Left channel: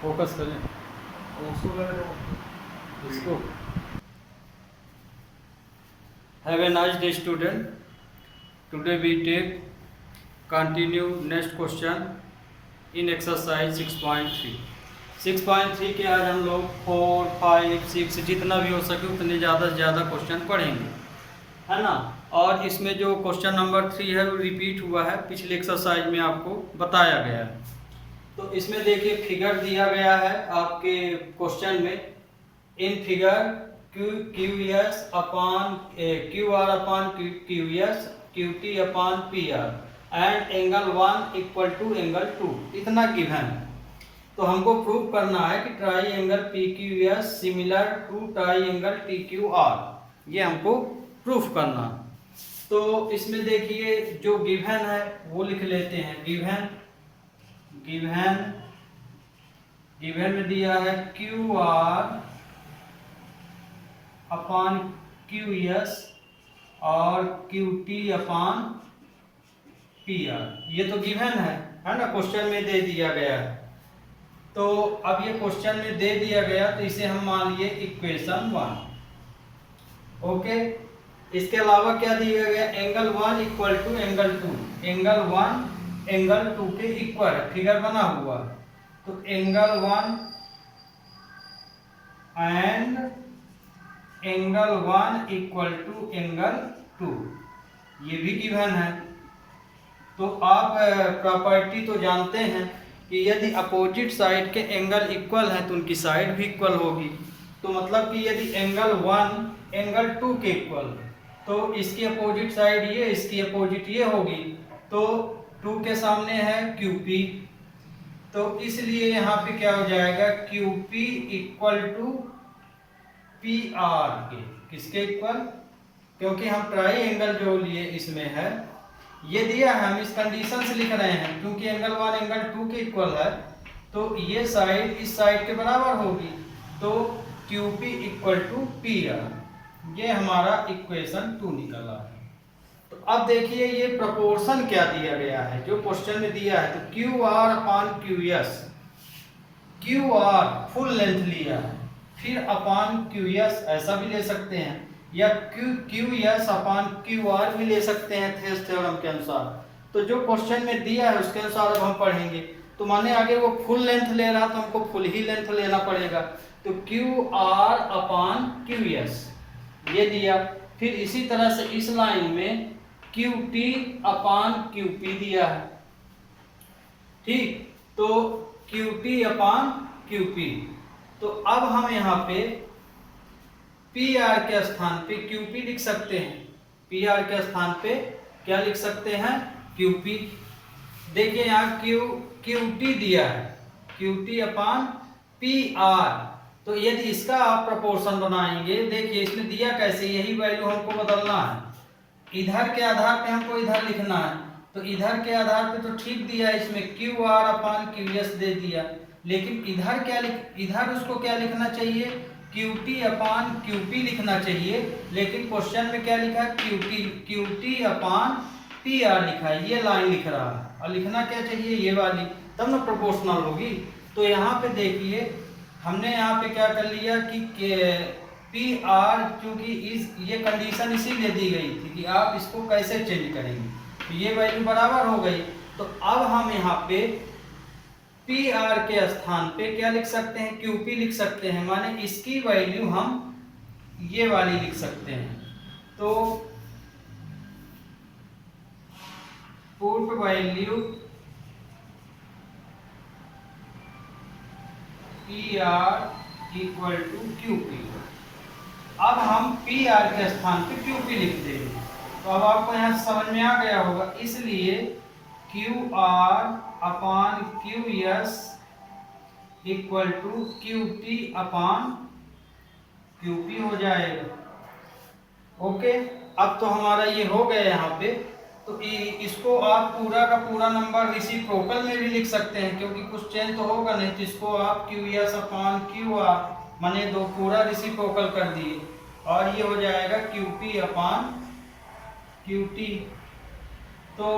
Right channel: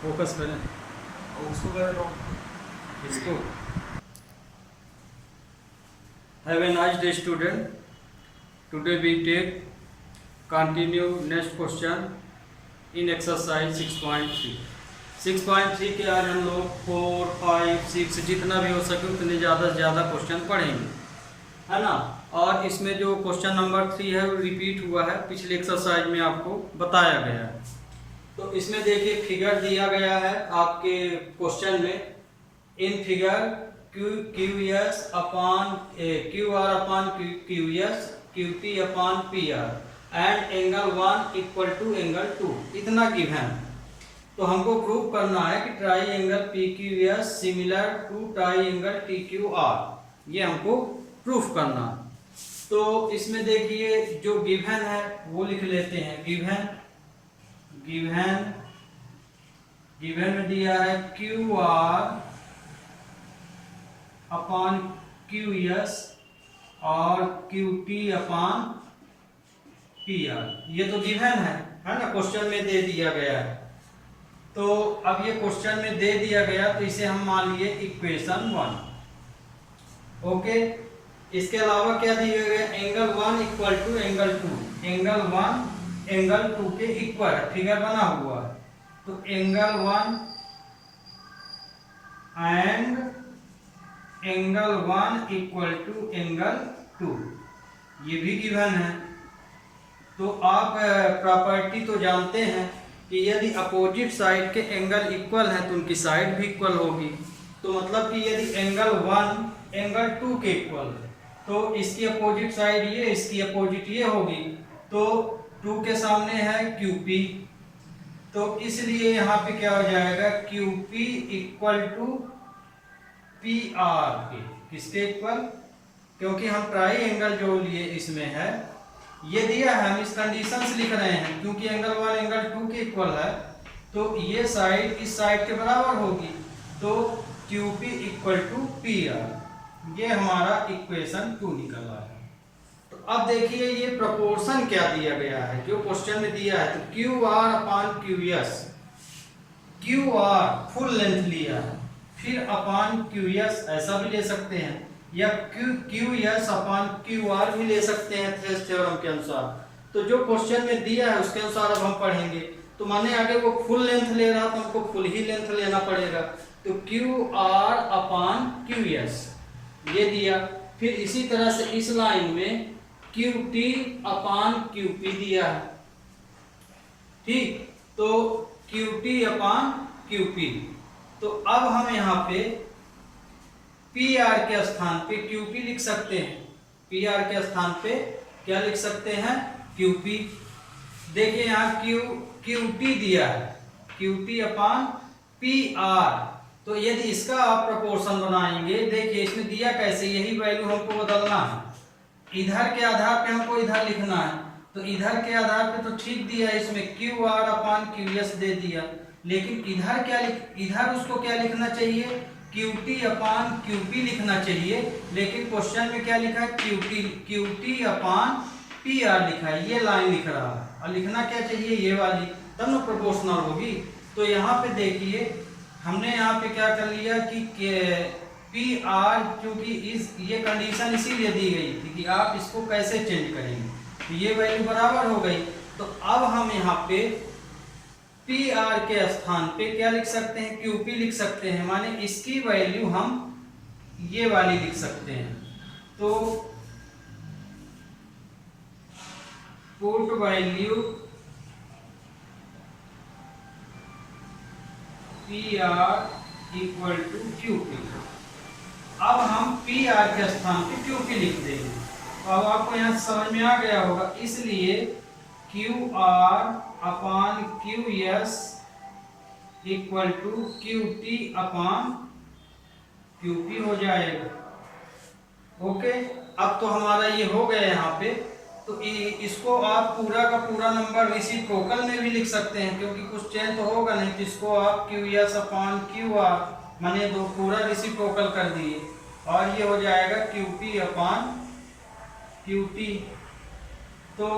Focus करें उसको कर रहा हूँ इसको। Have a nice day student, today we take continue next question in exercise 6.3। 6.3 के आज हम लोग 4, 5, 6 जितना भी हो सके उतने ज़्यादा से ज़्यादा क्वेश्चन पढ़ेंगे, है ना। और इसमें जो क्वेश्चन नंबर 3 है वो रिपीट हुआ है, पिछले एक्सरसाइज में आपको बताया गया है। तो इसमें देखिए फिगर दिया गया है आपके क्वेश्चन में, in figure Q S upon Q R upon Q S Q T upon P R and angle 1 equal to angle 2, इतना गिवन। तो हमको प्रूव करना है कि triangle P Q S similar to triangle T Q R, ये हमको proof करना। तो इसमें देखिए जो गिवन है वो लिख लेते हैं। गिवन में दिया है Q R upon Q S और Q T upon P R, ये तो गिवन है ना, क्वेश्चन में दे दिया गया है। तो अब ये क्वेश्चन में दे दिया गया तो इसे हम मान लिए इक्वेशन 1। ओके, इसके अलावा क्या दिया गया, angle 1 equal to angle 2, angle 1 angle 2 के इक्वल है, फिगर बना हुआ। तो angle 1 and angle 1 equal to angle 2, ये भी गिवन है। तो आप प्रॉपर्टी तो जानते हैं कि यदि अपोजिट साइड के एंगल इक्वल हैं तो उनकी साइड भी इक्वल होगी। तो मतलब कि यदि एंगल 1 एंगल 2 के इक्वल तो इसकी अपोजिट साइड ये, इसकी अपोजिट ये होगी। तो 2 के सामने है QP, तो इसलिए यहाँ पे क्या हो जाएगा, QP इक्वल टू PR के, किसके इक्वल, क्योंकि हम ट्राई एंगल जो लिए इसमें है ये दिया है, हम इस कंडीशन से लिख रहे हैं क्योंकि एंगल 1 एंगल 2 के इक्वल है तो ये साइड इस साइड के बराबर होगी। तो QP इक्वल टू PR, ये हमारा इक्वेशन 2 निकला है। तो अब देखिए ये प्रोपोर्शन क्या दिया गया है, जो क्वेश्चन में दिया है। तो QR upon QS, QR full length लिया है, फिर अपॉन QS ऐसा भी ले सकते हैं, या QS अपॉन QR भी ले सकते हैं थेस थ्योरम के अनुसार। तो जो क्वेश्चन में दिया है उसके अनुसार अब हम पढ़ेंगे। तो माने आगे वो फुल लेंथ ले रहा तो हमको फुल ही लेंथ लेना पड़ेगा। तो QR अपॉन QS ये दिया, फिर इसी तरह से इस लाइन में QT अपॉन QP दिया है, ठीक। तो QT अपॉन QP, तो अब हम यहाँ पे PR के स्थान पे QP लिख सकते हैं, PR के स्थान पे क्या लिख सकते हैं, QP। देखिए यहाँ QT दिया है, QT अपॉन PR। तो यदि इसका आप प्रोपोर्शन बनाएंगे, देखिए इसमें दिया कैसे, यही वैल्यू हमको बदलना है, इधर के आधार पे हमको इधर लिखना है। तो इधर के आधार पे तो ठीक दिया, इसमें QR अपॉन QS दे दिया, लेकिन इधर क्या इधर उसको क्या लिखना चाहिए, QT अपॉन QP लिखना चाहिए, लेकिन क्वेश्चन में क्या लिखा है, QT अपॉन PR लिखा है, ये लाइन लिख रहा है। और लिखना क्या चाहिए, ये वाली, तब ना प्रोपोर्शनल होगी। तो यहाँ पे देखिए हमने यहाँ पे क्या कर लिया कि PR, क्योंकि ये कंडीशन इसीलिए दी गई थी कि आप इसको कैसे चेंज करेंगे, तो ये वैल्यू बराबर हो गई। तो अब हम यहाँ पे PR के स्थान पे क्या लिख सकते हैं, QP लिख सकते हैं, माने इसकी वैल्यू हम ये वाली लिख सकते हैं। तो put value PR equal to QP। अब हम PR के स्थान पे QP लिख देंगे। तो अब आपको यहाँ समझ में आ गया होगा, इसलिए QR upon QS equal to QT upon QP हो जाएगा। ओके, अब तो हमारा ये हो गया यहाँ पे। तो इसको आप पूरा का पूरा नंबर रेसिप्रोकल में भी लिख सकते हैं, क्योंकि कुछ चेंज तो होगा नहीं। तो इसको आप QS अपॉन QR माने दो पूरा रेसिप्रोकल कर दिए, और ये हो जाएगा QP अपॉन QT। तो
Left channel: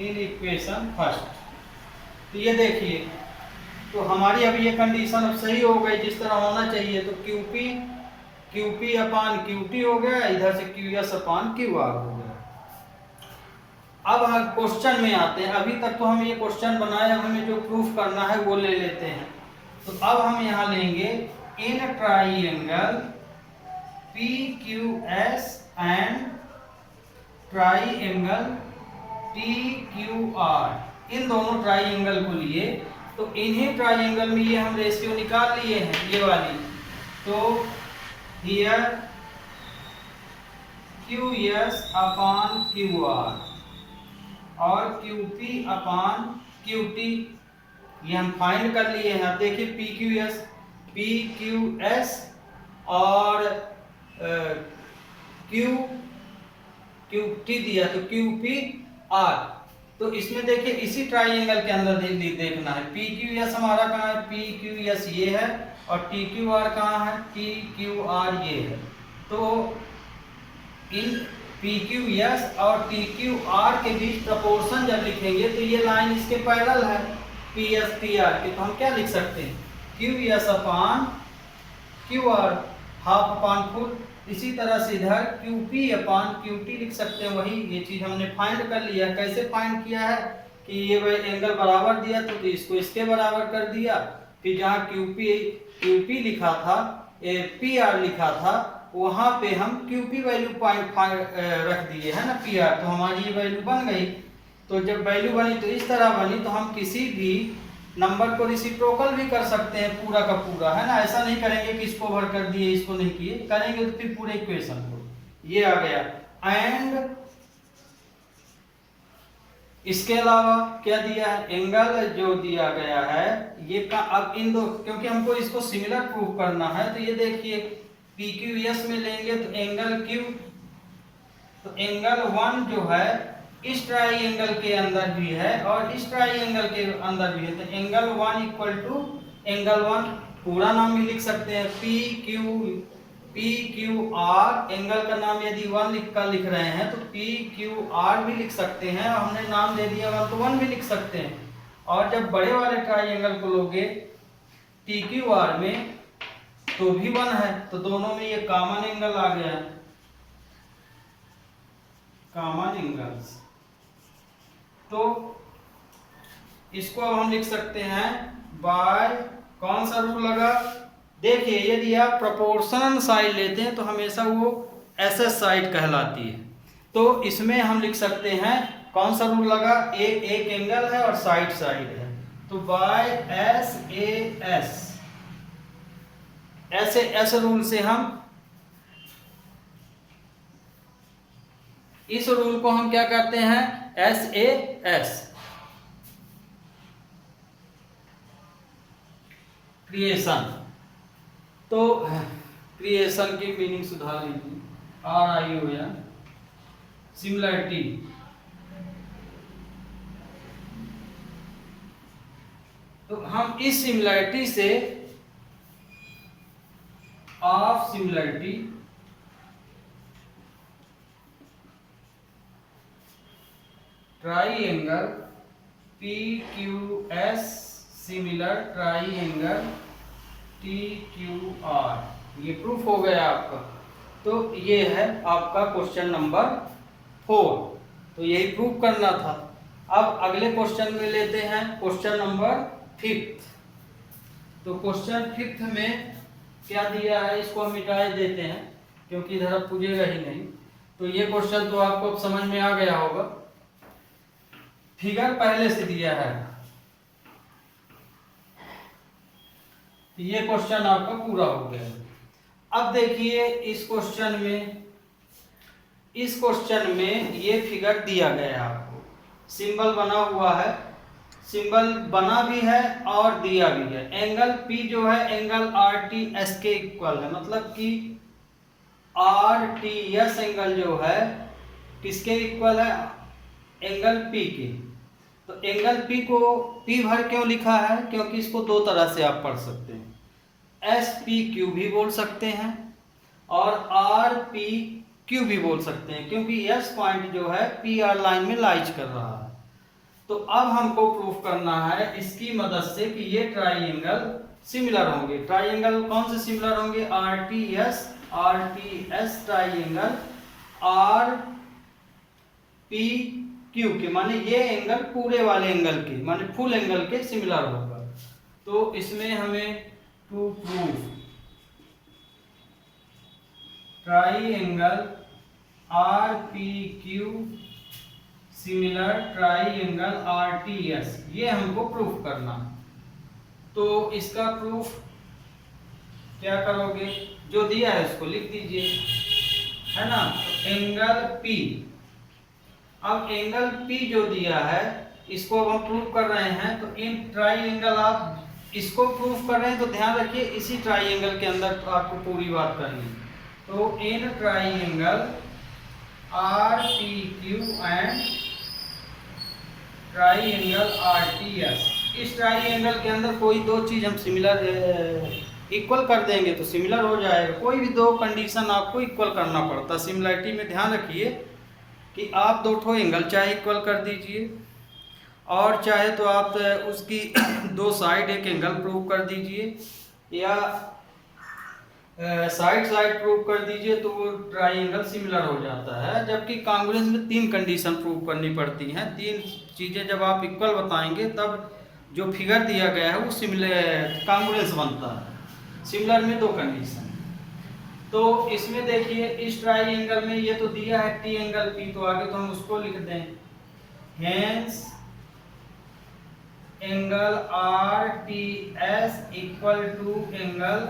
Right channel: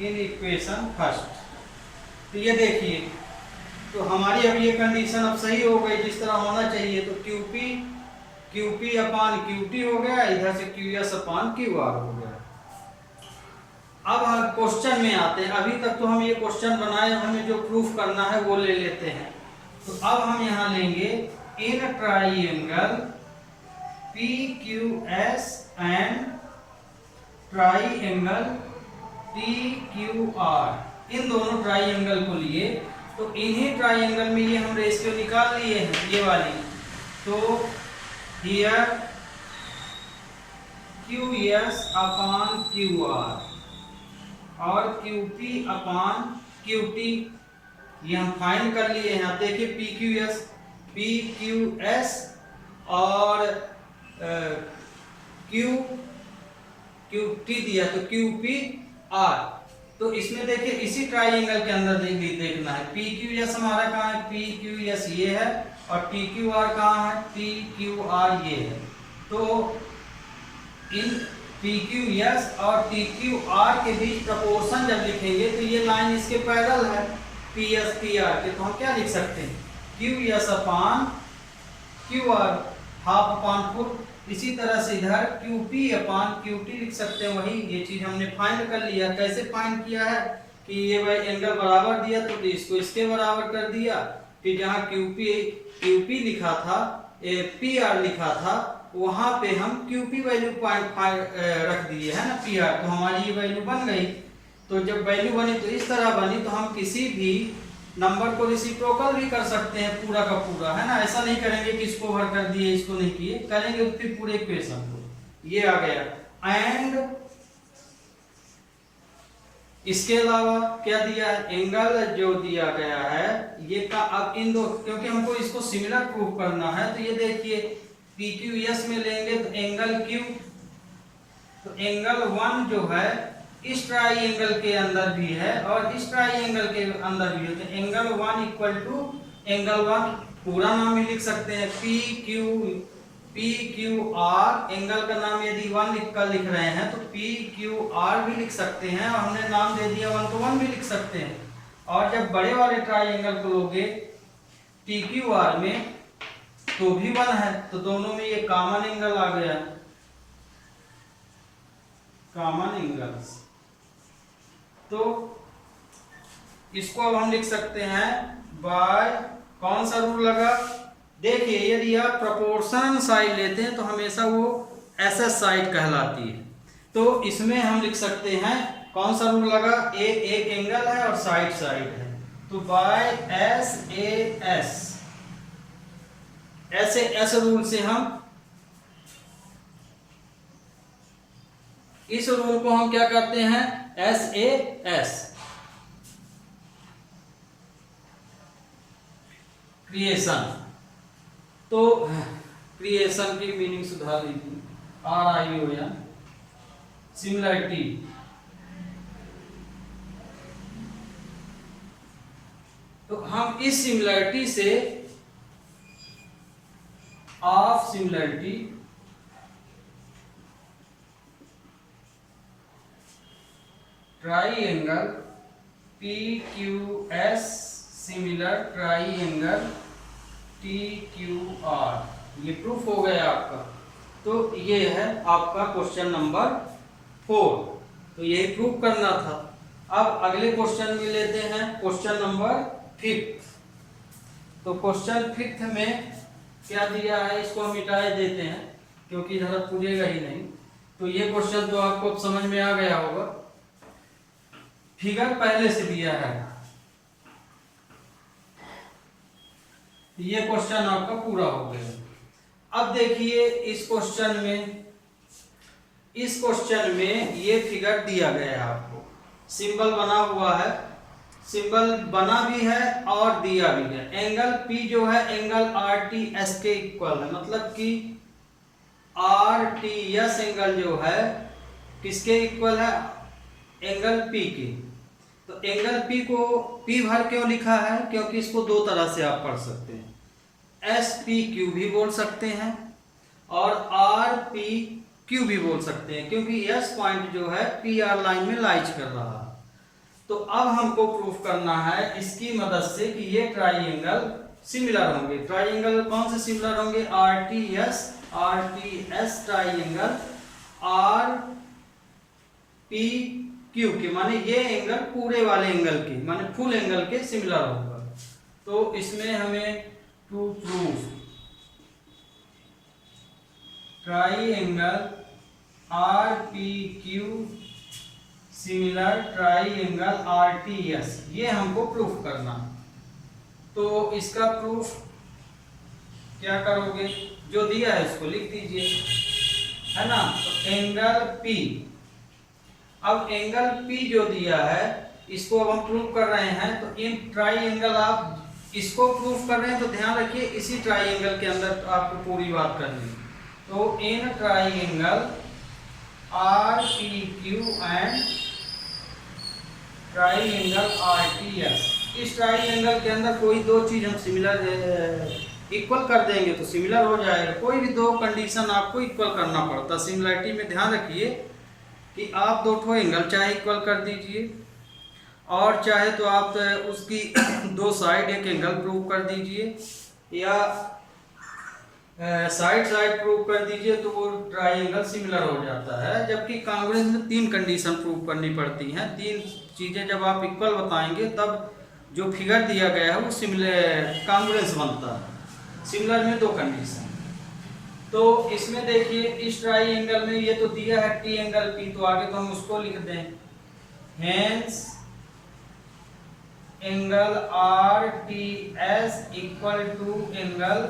इन इक्वेशन फर्स्ट, तो ये देखिए तो हमारी अब ये कंडीशन अब सही हो गई जिस तरह होना चाहिए। तो QP अपान QT हो गया, इधर से QS अपान QR हो गया। अब हम क्वेश्चन में आते हैं। अभी तक तो हम ये क्वेश्चन बनाए, हमें जो प्रूफ करना है वो ले लेते हैं। तो अब हम यहाँ लेंगे in triangle PQS and triangle TQR, इन दोनों ट्राइएंगल को लिए। तो इन्हीं ट्राइएंगल में ये हम रेशियो निकाल लिए हैं, ये वाली। तो हियर QS अपान QR और QP अपान QT ये हम फाइंड कर लिए हैं। देखिए PQS और QT दिया तो QPR। तो इसमें देखिए इसी ट्राइएंगल के अंदर देखना है। PQS हमारा कहाँ है, PQS ये है, और TQR कहाँ है, TQR ये है। तो इन PQS और TQR के बीच प्रपोर्शन जब लिखेंगे तो ये लाइन इसके पैरेलल है PS PR के, तो हम क्या लिख सकते हैं, QS अपान QR हाफ अपान फुल। इसी तरह से इधर QP अपान QT लिख सकते हैं। वही ये चीज हमने फाइंड कर लिया। कैसे फाइंड किया है कि ये भाई एंगल बराबर दिया तो इसको इसके बराबर कर दिया, कि जहाँ QP लिखा था, PR लिखा था, वहां पे हम QP वैल्यू रख दिए है ना PR, तो हमारी ये वैल्यू बन गई। तो जब वैल्यू बनी तो इस तरह बनी, तो हम किसी भी नंबर को रेसिप्रोकल भी कर सकते हैं पूरा का पूरा, है ना। ऐसा नहीं करेंगे कि इसको ओवर कर दिए इसको नहीं किए, करेंगे तो फिर पूरे इक्वेशन को ये आ गया। एंड इसके अलावा क्या दिया है, एंगल जो दिया गया है ये का। अब इन दो, क्योंकि हमको इसको सिमिलर प्रूफ करना है, तो ये देखिए PQS में लेंगे तो एंगल Q, तो एंगल 1 जो है इस ट्राइएंगल के अंदर भी है और इस ट्राइएंगल के अंदर भी है। तो एंगल 1 इक्वल टू एंगल 1, पूरा नाम भी लिख सकते हैं PQR। एंगल का नाम यदि 1 लिख रहे हैं तो PQR भी लिख सकते हैं, और हमने नाम दे दिया 1 तो 1 भी लिख सकते हैं। और जब बड़े वाले ट्राइएंगल को लोगे TQR में तो भी 1 है, तो दोनों में ये कॉमन एंगल आ गया, कॉमन एंगल्स। तो इसको अब हम लिख सकते हैं बाय कौन सा रूल लगा, देखिए यदि आप प्रोपोर्शनल साइड लेते हैं तो हमेशा वो SS साइड कहलाती है। तो इसमें हम लिख सकते हैं कौन सा रूल लगा, एक एंगल है और साइड है, तो बाय SAS, ऐसे रूल से हम इस रूल को हम क्या कहते हैं, SAS क्रिएशन। तो क्रिएशन की मीनिंग सुधार लीजिए, RION सिमिलरिटी। तो हम इस सिमिलरिटी से of similarity triangle PQS similar triangle TQR, ये प्रूफ हो गया आपका। तो ये है आपका क्वेश्चन नंबर 4, तो यही प्रूफ करना था। अब अगले क्वेश्चन में लेते हैं क्वेश्चन नंबर 5। तो क्वेश्चन 5 में क्या दिया है, इसको हम मिटाए देते हैं क्योंकि इधर पूछेगा ही नहीं। तो ये क्वेश्चन तो आपको समझ में आ गया होगा, फिगर पहले से दिया है। ये क्वेश्चन आपका पूरा हो गया। अब देखिए इस क्वेश्चन में ये फिगर दिया गया है आपको, सिंबल बना हुआ है, सिंबल बना भी है और दिया भी है। एंगल P जो है एंगल RTS के इक्वल है, मतलब कि RTS एंगल जो है किसके इक्वल है, एंगल P के। तो एंगल P को P भर क्यों लिखा है, क्योंकि इसको दो तरह से आप पढ़ सकते हैं, SPQ भी बोल सकते हैं और RPQ भी बोल सकते हैं, क्योंकि S पॉइंट जो है PR लाइन में लाइज कर रहा है। तो अब हमको प्रूफ करना है इसकी मदद से कि ये ट्राइंगल सिमिलर होंगे। ट्राइंगल कौन से सिमिलर होंगे? RTS triangle R P Q के, माने ये एंगल पूरे वाले एंगल के, माने फुल एंगल के सिमिलर होगा। तो इसमें हमें to proof triangle R P Q similar triangle RTS, ये हमको प्रूफ करना। तो इसका प्रूफ क्या करोगे? जो दिया है उसको लिख दीजिए, है ना। तो एंगल P, अब एंगल P जो दिया है इसको अब हम प्रूफ कर रहे हैं। तो इन ट्राइंगल, आप इसको प्रूफ कर रहे हैं तो ध्यान रखिए इसी ट्राइंगल के अंदर आपको पूरी बात करनी है। तो in triangle R P Q and triangle RTS, इस ट्राइंगल के अंदर कोई दो चीज हम सिमिलर इक्वल कर देंगे तो सिमिलर हो जाएगा। कोई भी दो कंडीशन आपको इक्वल करना पड़ता। सिमिलरिटी में ध्यान रखिए कि आप दो ठो एंगल चाहे इक्वल कर दीजिए और चाहे तो आप उसकी दो साइड एक एंगल प्रूव कर दीजिए या साइड साइड प्रूव कर दीजिए, तो वो ट्राइंगल सिमिलर हो जाता है। जबकि कांग्रुएंस में तीन कंडीशन प्रूव करनी पड़ती हैं। तीन चीज़ें जब आप इक्वल बताएंगे तब जो फिगर दिया गया है वो सिमिलर कांग्रुएंस बनता है। सिमिलर में दो कंडीशन। तो इसमें देखिए इस ट्राइंगल में ये तो दिया है टी एंगल पी, तो आगे तो हम उसको लिख दें, hence angle R T S equal to angle.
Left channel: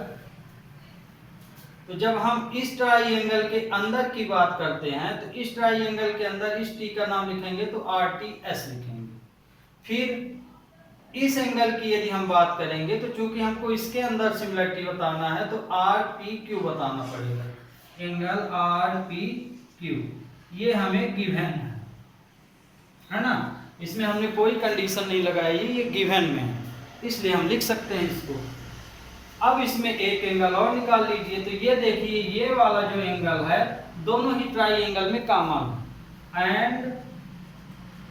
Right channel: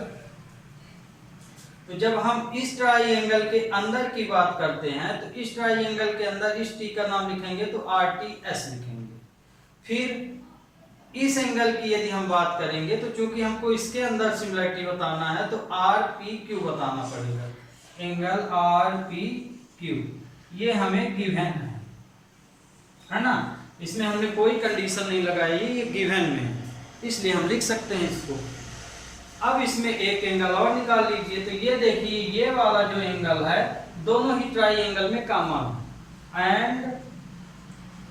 तो जब हम इस ट्राइंगल के अंदर की बात करते हैं तो इस ट्राइंगल के अंदर इस टी का नाम लिखेंगे तो आर टी एस लिखेंगे। फिर इस एंगल की यदि हम बात करेंगे तो चूंकि हमको इसके अंदर सिमिलरिटी बताना है तो आर पी क्यू बताना पड़ेगा। एंगल आर पी क्यू ये हमें गिवन है ना। इसमें हमने कोई कंडीशन नहीं लगाई, ये गिवन में है, इसलिए हम लिख सकते हैं इसको। अब इसमें एक एंगल और निकाल लीजिए। तो ये देखिए ये वाला जो एंगल है दोनों ही ट्राइंगल में कॉमन है। And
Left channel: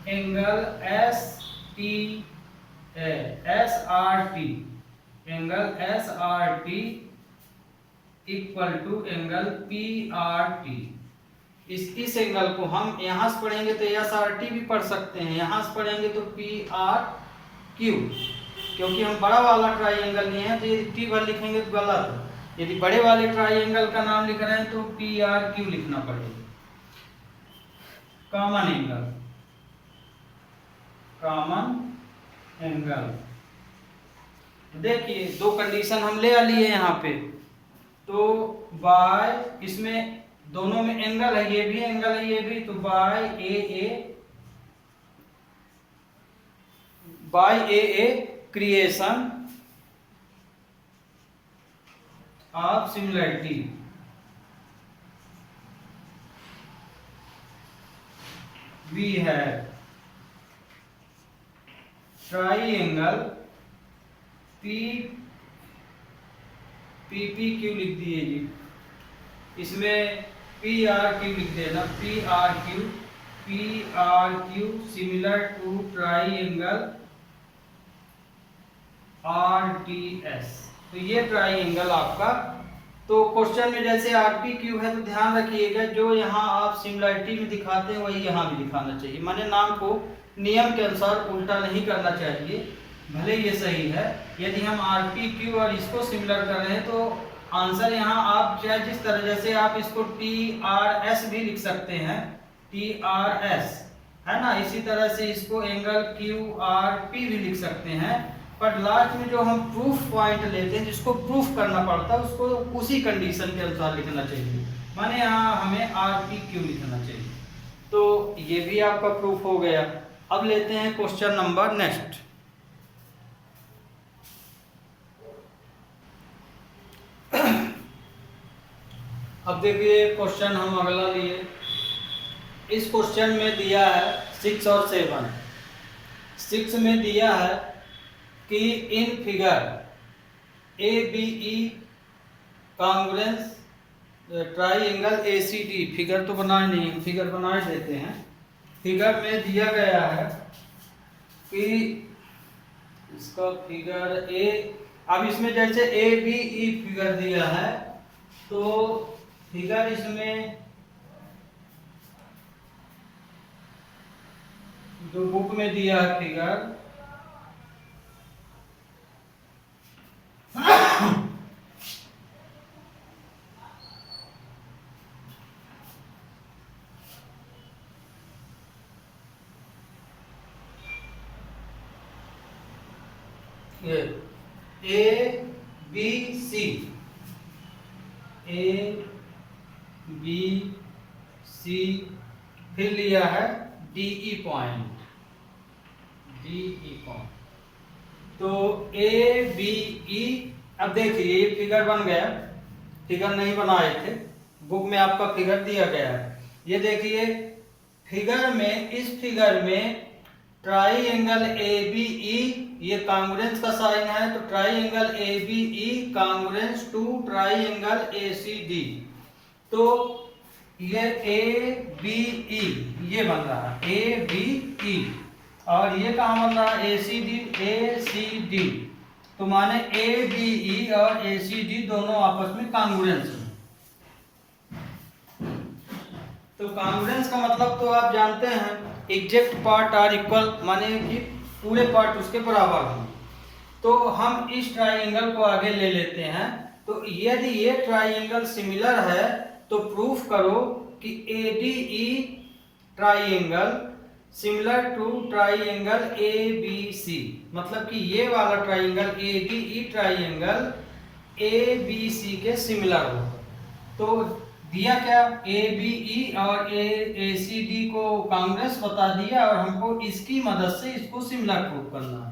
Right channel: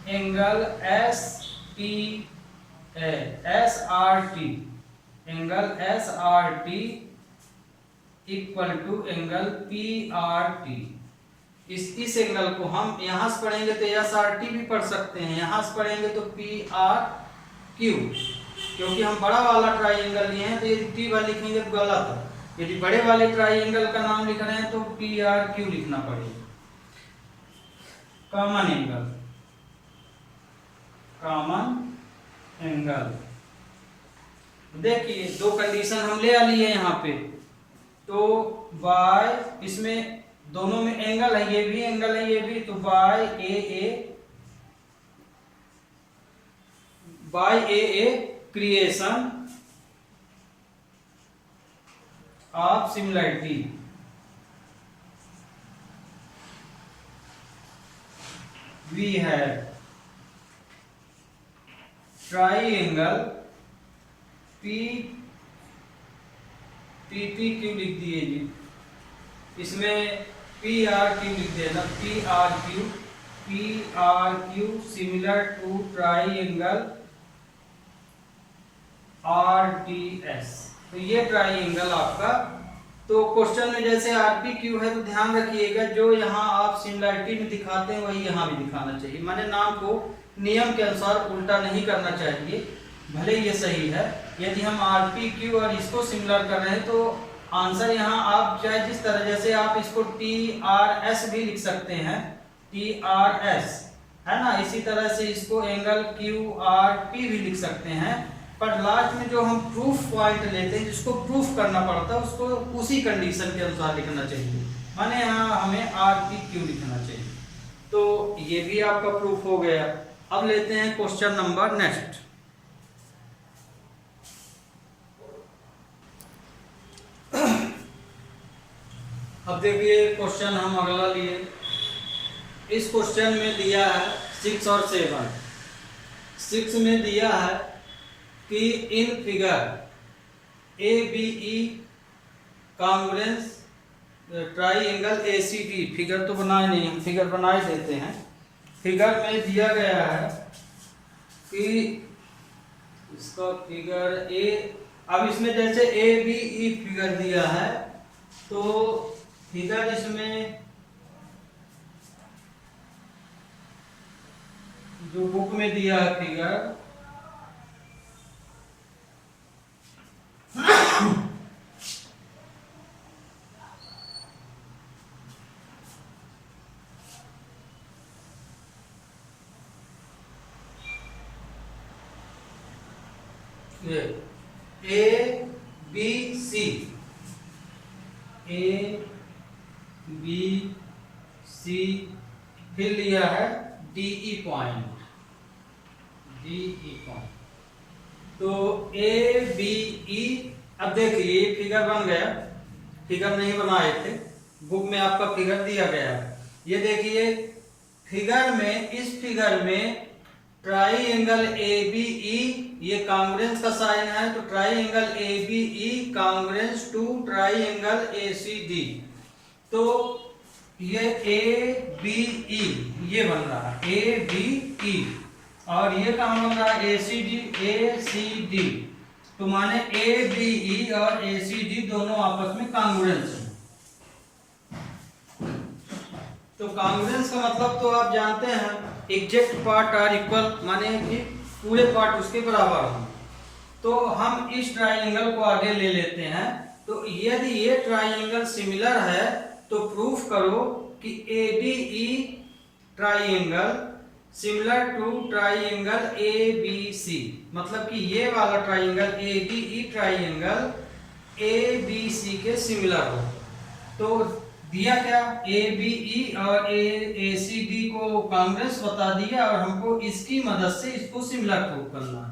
angle S T S R T, angle S R T equal to angle P R T. इस एंगल को हम यहाँ से पढ़ेंगे तो एस आर टी भी पढ़ सकते हैं, यहाँ से पढ़ेंगे तो पी आर क्यू, क्योंकि हम बड़ा वाला ट्राइंगल लिए हैं तो यदि टी वाला लिखेंगे तो गलत है। यदि बड़े वाले ट्राइंगल का नाम लिख रहे हैं तो पी आर क्यू लिखना पड़ेगा। Common angle, common angle. देखिए दो कंडीशन हम ले लिए यहाँ पे। तो बाय, इसमें दोनों में एंगल है, ये भी एंगल है ये भी, तो by a criterion of similarity. We have triangle P P Q लिख दिए जी, इसमें पी आर क्यू लिख देना, P R Q similar to triangle R T S. तो ये ट्राइंगल आपका। तो क्वेश्चन में जैसे आर पी क्यू है तो ध्यान रखिएगा जो यहाँ आप सिमिलरिटी में दिखाते हैं वही यहाँ भी दिखाना चाहिए। माने नाम को नियम के अनुसार उल्टा नहीं करना चाहिए, भले ये सही है। यदि हम आर पी क्यू और इसको सिमिलर कर रहे हैं तो आंसर यहाँ आप चाहे जिस तरह, जैसे आप इसको टी आर एस भी लिख सकते हैं, टी आर एस है ना। इसी तरह से इसको एंगल क्यू आर पी भी लिख सकते हैं। पर लास्ट में जो हम प्रूफ पॉइंट लेते हैं, जिसको प्रूफ करना पड़ता है, उसको उसी कंडीशन के अनुसार लिखना चाहिए। माने यहाँ हमें आर पी क्यू लिखना चाहिए। तो ये भी आपका प्रूफ हो गया। अब लेते हैं क्वेश्चन नंबर नेक्स्ट। अब देखिए क्वेश्चन हम अगला लिए। इस क्वेश्चन में दिया है 6 और 7। 6 में दिया है कि in figure A B E congruence triangle A C T, figure तो बनाए नहीं, फिगर बनाए देते हैं। फिगर में दिया गया है कि इसका फिगर ए, अब इसमें जैसे ए बी ई फिगर दिया है तो फिगर इसमें जो बुक में दिया है figure A B C, A B C, फिर लिया है D E point, D E point. तो ए बी ई, अब देखिए ये फिगर बन गया, फिगर नहीं बनाए थे, बुक में आपका फिगर दिया गया है। ये देखिए फिगर में, इस फिगर में ट्राइंगल ए बी ई, ये कांग्रेंस का साइन है, तो triangle A B E congruence to triangle A C D. तो ये ए बी ई ये बन रहा है, ए बी ई, और ये कहाँ बन रहा है, ए सी डी, ए सी डी। तो माने ए बी ई और ए सी डी दोनों आपस में कांग्रेंस हैं। तो कांग्रेंस का मतलब तो आप जानते हैं, एग्जैक्ट पार्ट आर इक्वल, माने कि पूरे पार्ट उसके बराबर हों। तो हम इस ट्राइंगल को आगे ले लेते हैं। तो यदि ये ट्राइंगल सिमिलर है तो प्रूफ करो कि A D E triangle similar to triangle A B C, मतलब कि ये वाला triangle A D E triangle A B C के सिमिलर हो। तो दिया क्या, ए बी ई और ए सी डी को कांग्रेस बता दिया, और हमको इसकी मदद से इसको सिमिलर प्रूफ करना है।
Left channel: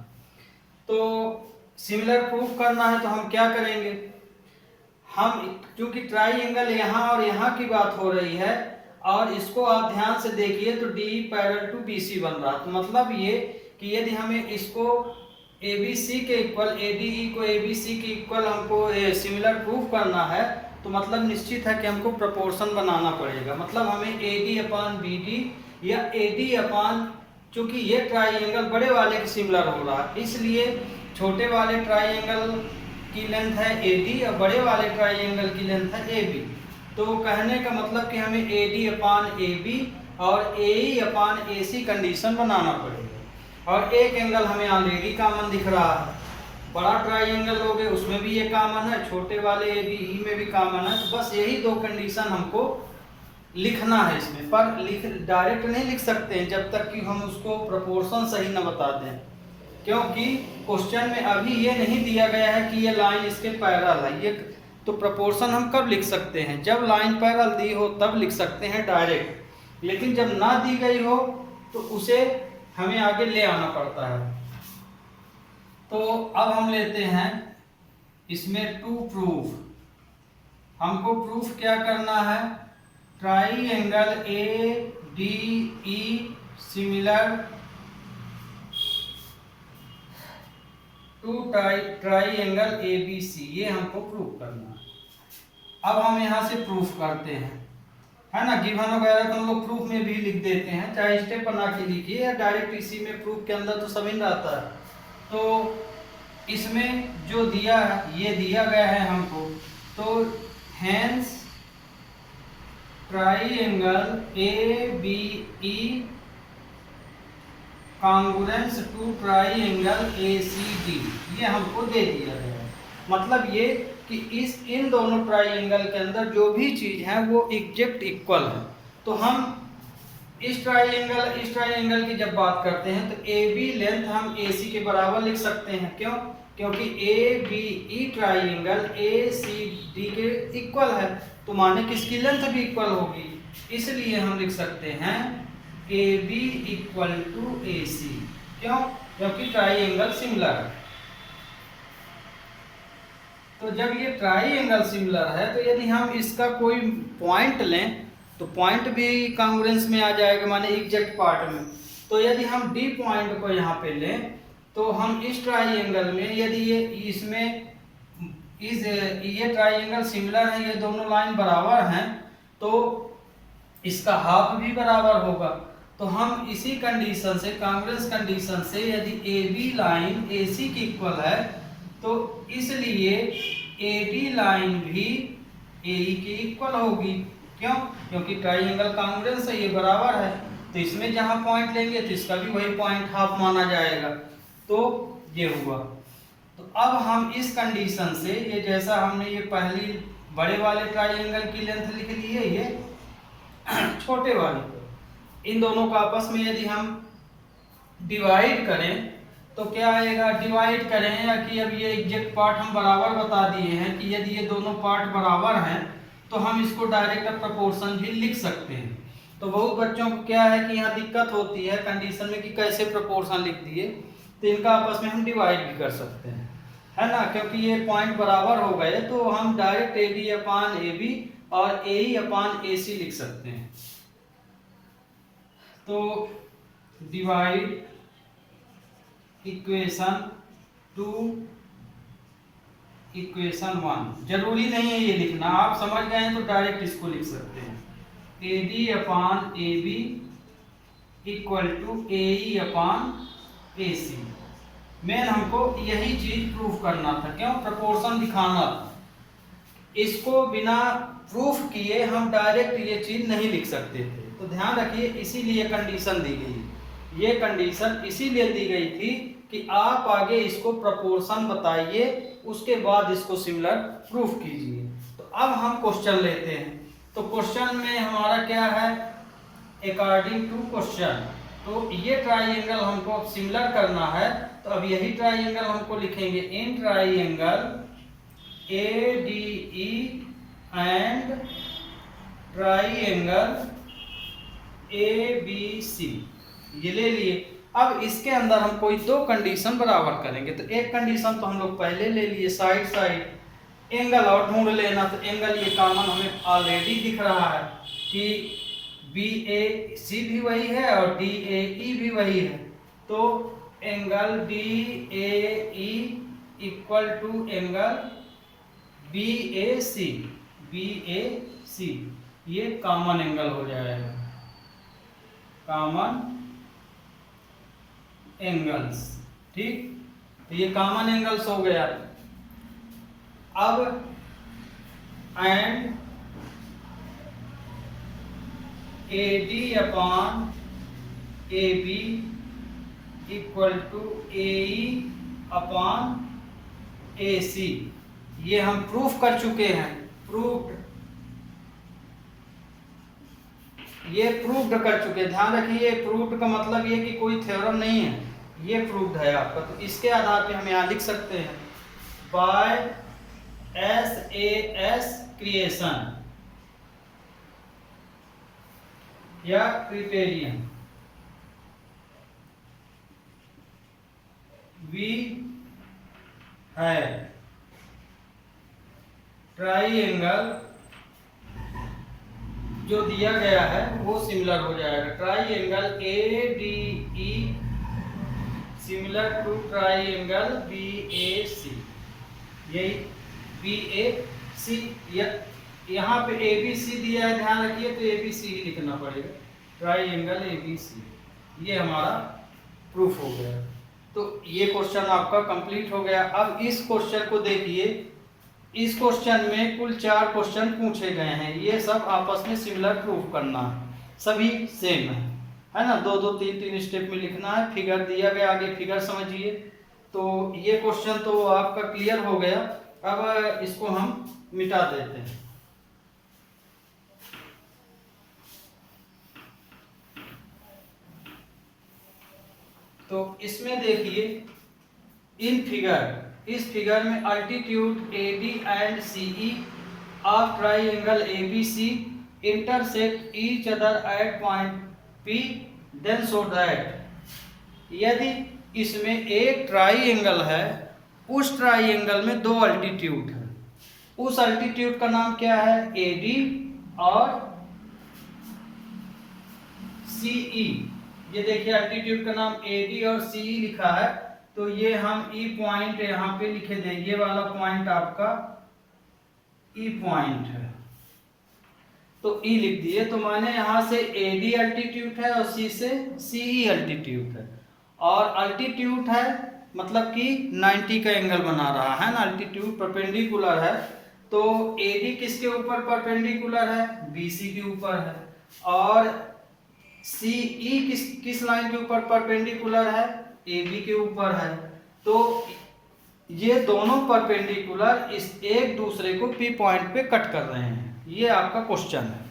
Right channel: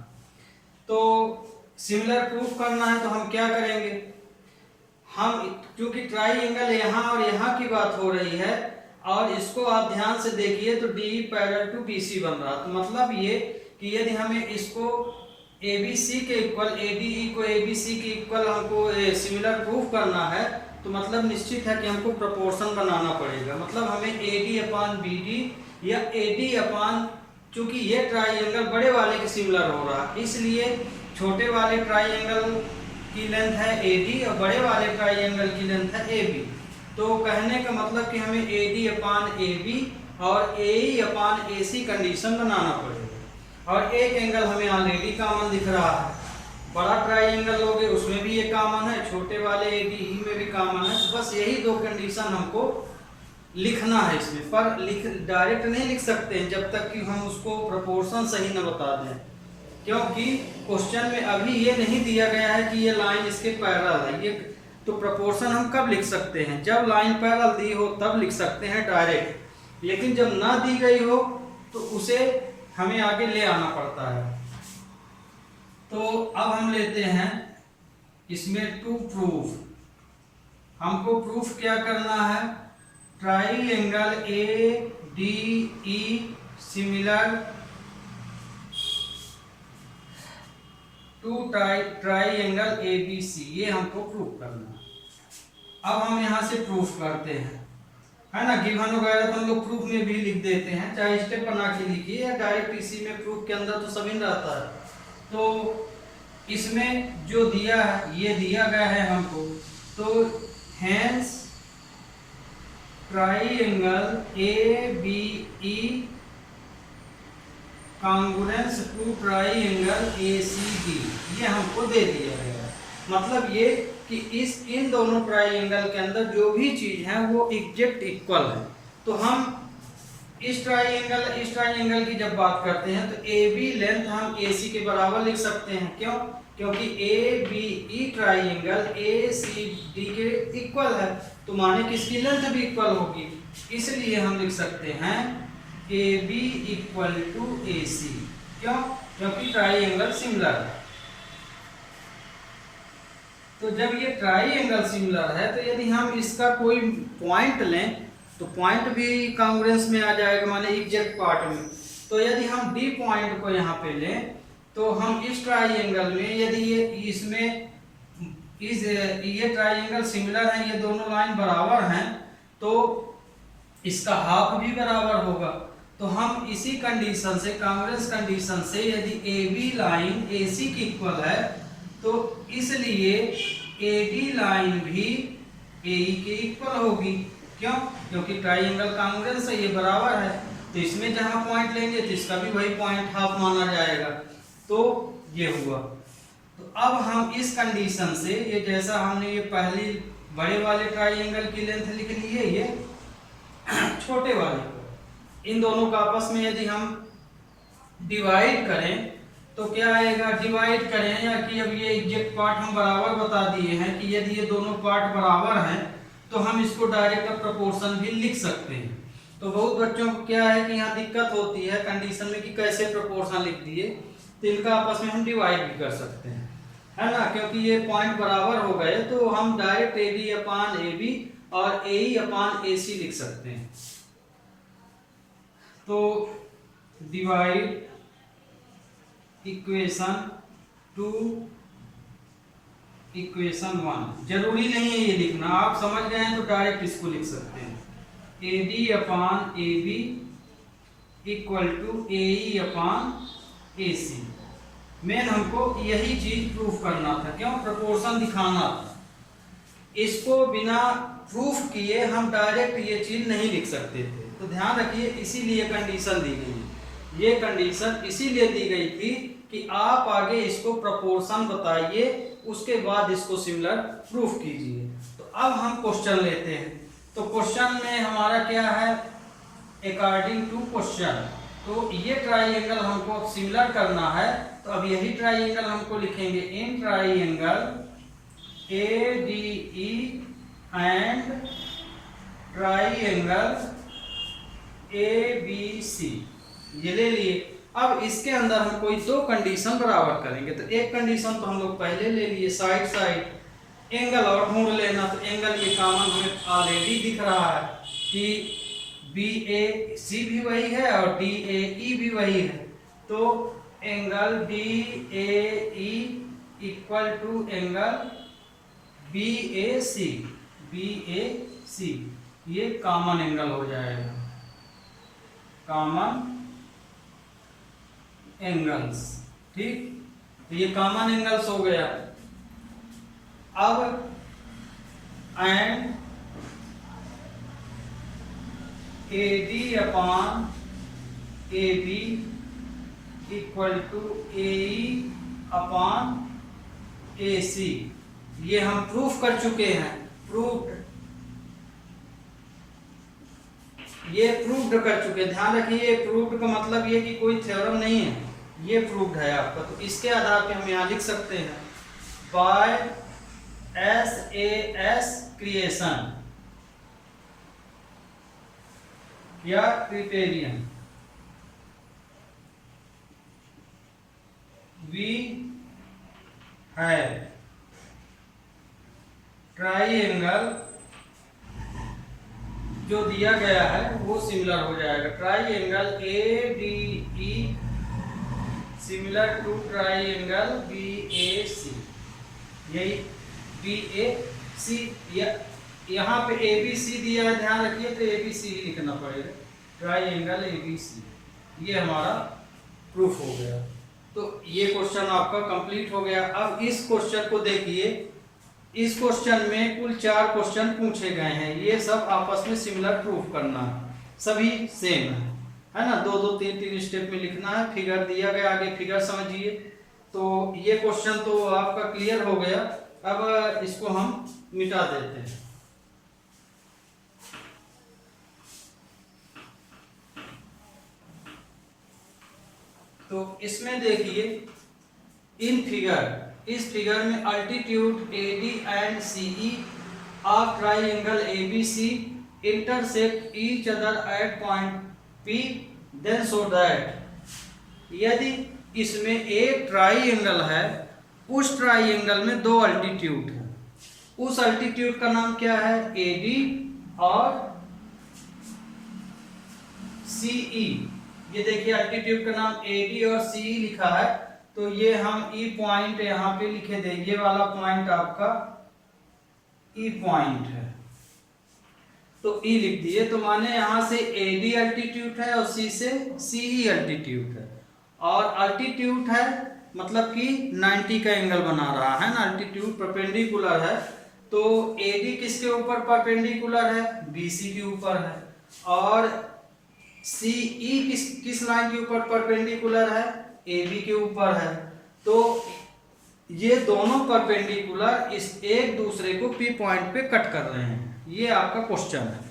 तो सिमिलर प्रूफ करना है तो हम क्या करेंगे, हम क्योंकि ट्राइंगल यहाँ और यहाँ की बात हो रही है, और इसको आप ध्यान से देखिए तो D parallel to B C बन रहा, तो मतलब ये कि यदि हमें इसको ए बी सी के इक्वल, ए डी ई को ए बी सी के इक्वल हमको सिमिलर प्रूफ करना है, तो मतलब निश्चित है कि हमको प्रोपोर्शन बनाना पड़ेगा। मतलब हमें A D upon B D या ए डी अपान, चूंकि ये ट्राइंगल बड़े वाले के सिमिलर हो रहा है, इसलिए छोटे वाले ट्राइंगल की लेंथ है ए डी और बड़े वाले ट्राइंगल की लेंथ है ए बी। तो कहने का मतलब कि हमें A D upon A B और A E upon A C condition बनाना पड़ेगा। और एक एंगल हमें ऑलरेडी कॉमन दिख रहा है, बड़ा ट्राइंगल लोगे उसमें भी ये कॉमन है, छोटे वाले ए डी ई में भी कॉमन है। बस यही दो कंडीशन हमको लिखना है इसमें, पर डायरेक्ट नहीं लिख सकते हैं जब तक कि हम उसको प्रोपोर्शन सही न बता दें, क्योंकि क्वेश्चन में अभी ये नहीं दिया गया है कि ये लाइन इसके पैरेलल है। ये तो प्रोपोर्शन हम कब लिख सकते हैं, जब लाइन पैरेलल दी हो तब लिख सकते हैं डायरेक्ट, लेकिन जब ना दी गई हो तो उसे हमें आगे ले आना पड़ता है। तो अब हम लेते हैं इसमें टू प्रूफ, हमको प्रूफ क्या करना है, triangle A D E similar to triangle A B C, ये हमको प्रूफ करना है। अब हम यहाँ से प्रूफ करते हैं, है ना, गिवन वगैरह तो हम लोग प्रूफ में भी लिख देते हैं, चाहे स्टेप बना के लिखिए या डायरेक्ट इसी में प्रूफ के अंदर तो सभी रहता है। तो इसमें जो दिया है ये दिया गया है हमको, तो hence triangle A B E congruence to triangle A C D, ये हमको दे दिया गया है। मतलब ये कि इन दोनों ट्राइंगल के अंदर जो भी चीज है वो एग्जैक्ट इक्वल है। तो हम इस ट्राइंगल की जब बात करते हैं तो ए बी लेंथ हम ए सी के बराबर लिख सकते हैं, क्यों, क्योंकि A B E triangle A C D के इक्वल है, तो माने किसकी लेंथ भी इक्वल होगी, इसलिए हम लिख सकते हैं ए बी इक्वल टू ए सी, क्यों, क्योंकि ट्राइंगल सिमिलर है। तो जब ये ट्राइंगल सिमिलर है तो यदि हम इसका कोई पॉइंट लें तो पॉइंट भी कांग्रुएंस में आ जाएगा, माने एग्जैक्ट पार्ट में। तो यदि हम डी पॉइंट को यहाँ पे लें तो हम इस ट्राइंगल में यदि ये ट्राइंगल सिमिलर है, ये दोनों लाइन बराबर हैं, तो इसका हाफ भी बराबर होगा। तो हम इसी कंडीशन से, कांग्रेस कंडीशन से, यदि ए बी लाइन ए सी की इक्वल है तो इसलिए ए डी लाइन भी ए ई की इक्वल होगी। क्यों? क्योंकि ट्राइंगल कांग्रेस है, ये बराबर है, तो इसमें जहां पॉइंट लेंगे तो इसका भी वही पॉइंट हाफ माना जाएगा। तो ये हुआ। तो अब हम इस कंडीशन से, ये जैसा हमने ये पहली बड़े वाले ट्राइंगल की लेंथ लिख ली है, ये छोटे वाले को, इन दोनों का आपस में यदि हम डिवाइड करें तो क्या आएगा? डिवाइड करें या कि अब ये एग्जैक्ट पार्ट हम बराबर बता दिए हैं कि यदि ये दोनों पार्ट बराबर हैं तो हम इसको डायरेक्ट प्रोपोर्शन भी लिख सकते हैं। तो बहुत बच्चों को क्या है कि यहाँ दिक्कत होती है कंडीशन में कि कैसे प्रोपोर्शन लिख दिए, तो इनका आपस में हम डिवाइड भी कर सकते हैं, है ना, क्योंकि ये पॉइंट बराबर हो गए तो हम direct A B upon A B और ए ई अपान ए सी लिख सकते हैं। तो डिवाइड इक्वेशन 2 इक्वेशन 1, जरूरी नहीं है ये लिखना, आप समझ गए हैं तो डायरेक्ट इसको लिख सकते हैं। A D upon A B equal to A E upon A C. Main हमको यही चीज प्रूफ करना था, क्यों? प्रोपोर्शन दिखाना था। इसको बिना प्रूफ किए हम डायरेक्ट ये चीज नहीं लिख सकते थे, तो ध्यान रखिए, इसीलिए कंडीशन दी गई। ये कंडीशन इसीलिए दी गई थी कि आप आगे इसको प्रोपोर्शन बताइए, उसके बाद इसको सिमिलर प्रूफ कीजिए। तो अब हम क्वेश्चन लेते हैं। तो क्वेश्चन में हमारा क्या है? अकॉर्डिंग टू क्वेश्चन, तो ये ट्राइंगल हमको अब सिमिलर करना है, तो अब यही ट्राइंगल हमको लिखेंगे in triangle A D E and triangle A B C, ये ले लिए। अब इसके अंदर हम कोई दो कंडीशन बराबर करेंगे। तो एक कंडीशन तो हम लोग पहले ले लिए, साइड साइड एंगल और ढूंढ लेना। तो एंगल ये कॉमन हमें ऑलरेडी दिख रहा है कि बी ए सी भी वही है और डी ए ई भी वही है। तो angle B A E equal to angle B A C, B A C, ये कॉमन एंगल हो जाएगा, कॉमन एंगल्स। ठीक, तो ये कॉमन एंगल्स हो गया। अब and A D upon A B equal to A E upon A C, ये हम प्रूफ कर चुके हैं। प्रूफ्ड, ये प्रूफ्ड कर चुके हैं। ध्यान रखिए, प्रूफ्ड का मतलब ये कि कोई थ्योरम नहीं है, ये प्रूफ्ड है आपका। तो इसके आधार पे हम यहाँ लिख सकते हैं बाय SAS क्रिएशन या क्रिटेरियन वी है ट्राइंगल जो दिया गया है वो सिमिलर हो जाएगा। Triangle A D E similar to triangle B A C, यही बी ए सी, यहाँ पे ए बी सी दिया है, ध्यान रखिए, तो ए बी सी ही लिखना पड़ेगा, ट्राइंगल ए बी सी। ये हमारा प्रूफ हो गया। तो ये क्वेश्चन आपका कंप्लीट हो गया। अब इस क्वेश्चन को देखिए, इस क्वेश्चन में कुल 4 क्वेश्चन पूछे गए हैं, ये सब आपस में सिमिलर प्रूफ करना है, सभी सेम है ना, 2-2 3-3 स्टेप में लिखना है। फिगर दिया गया, आगे फिगर समझिए। तो ये क्वेश्चन तो आपका क्लियर हो गया। अब इसको हम मिटा देते हैं। तो इसमें देखिए, इन फिगर, इस फिगर में altitude AD and CE of triangle ABC intersect each other at point P, then show that, यदि इसमें एक ट्राइंगल है, उस ट्राइंगल में 2 अल्टीट्यूड है, उस अल्टीट्यूड का नाम क्या है? AD और CE। ये देखिए, अल्टीट्यूड का नाम AD और CE लिखा है, तो ये हम E पॉइंट यहाँ पे लिखे देंगे। ये वाला पॉइंट आपका E पॉइंट है। तो ई लिख दिए, तो माने यहाँ से AD अल्टीट्यूड है और C से CE अल्टीट्यूड है, और अल्टीट्यूड है मतलब कि 90 का एंगल बना रहा है ना, अल्टीट्यूड परपेंडिकुलर है, तो AD किसके ऊपर परपेंडिकुलर है, BC के ऊपर है, और CE किस लाइन के ऊपर परपेंडिकुलर है, AB के ऊपर है। तो ये दोनों परपेंडिकुलर इस एक दूसरे को P पॉइंट पे कट कर रहे हैं, ये आपका क्वेश्चन है।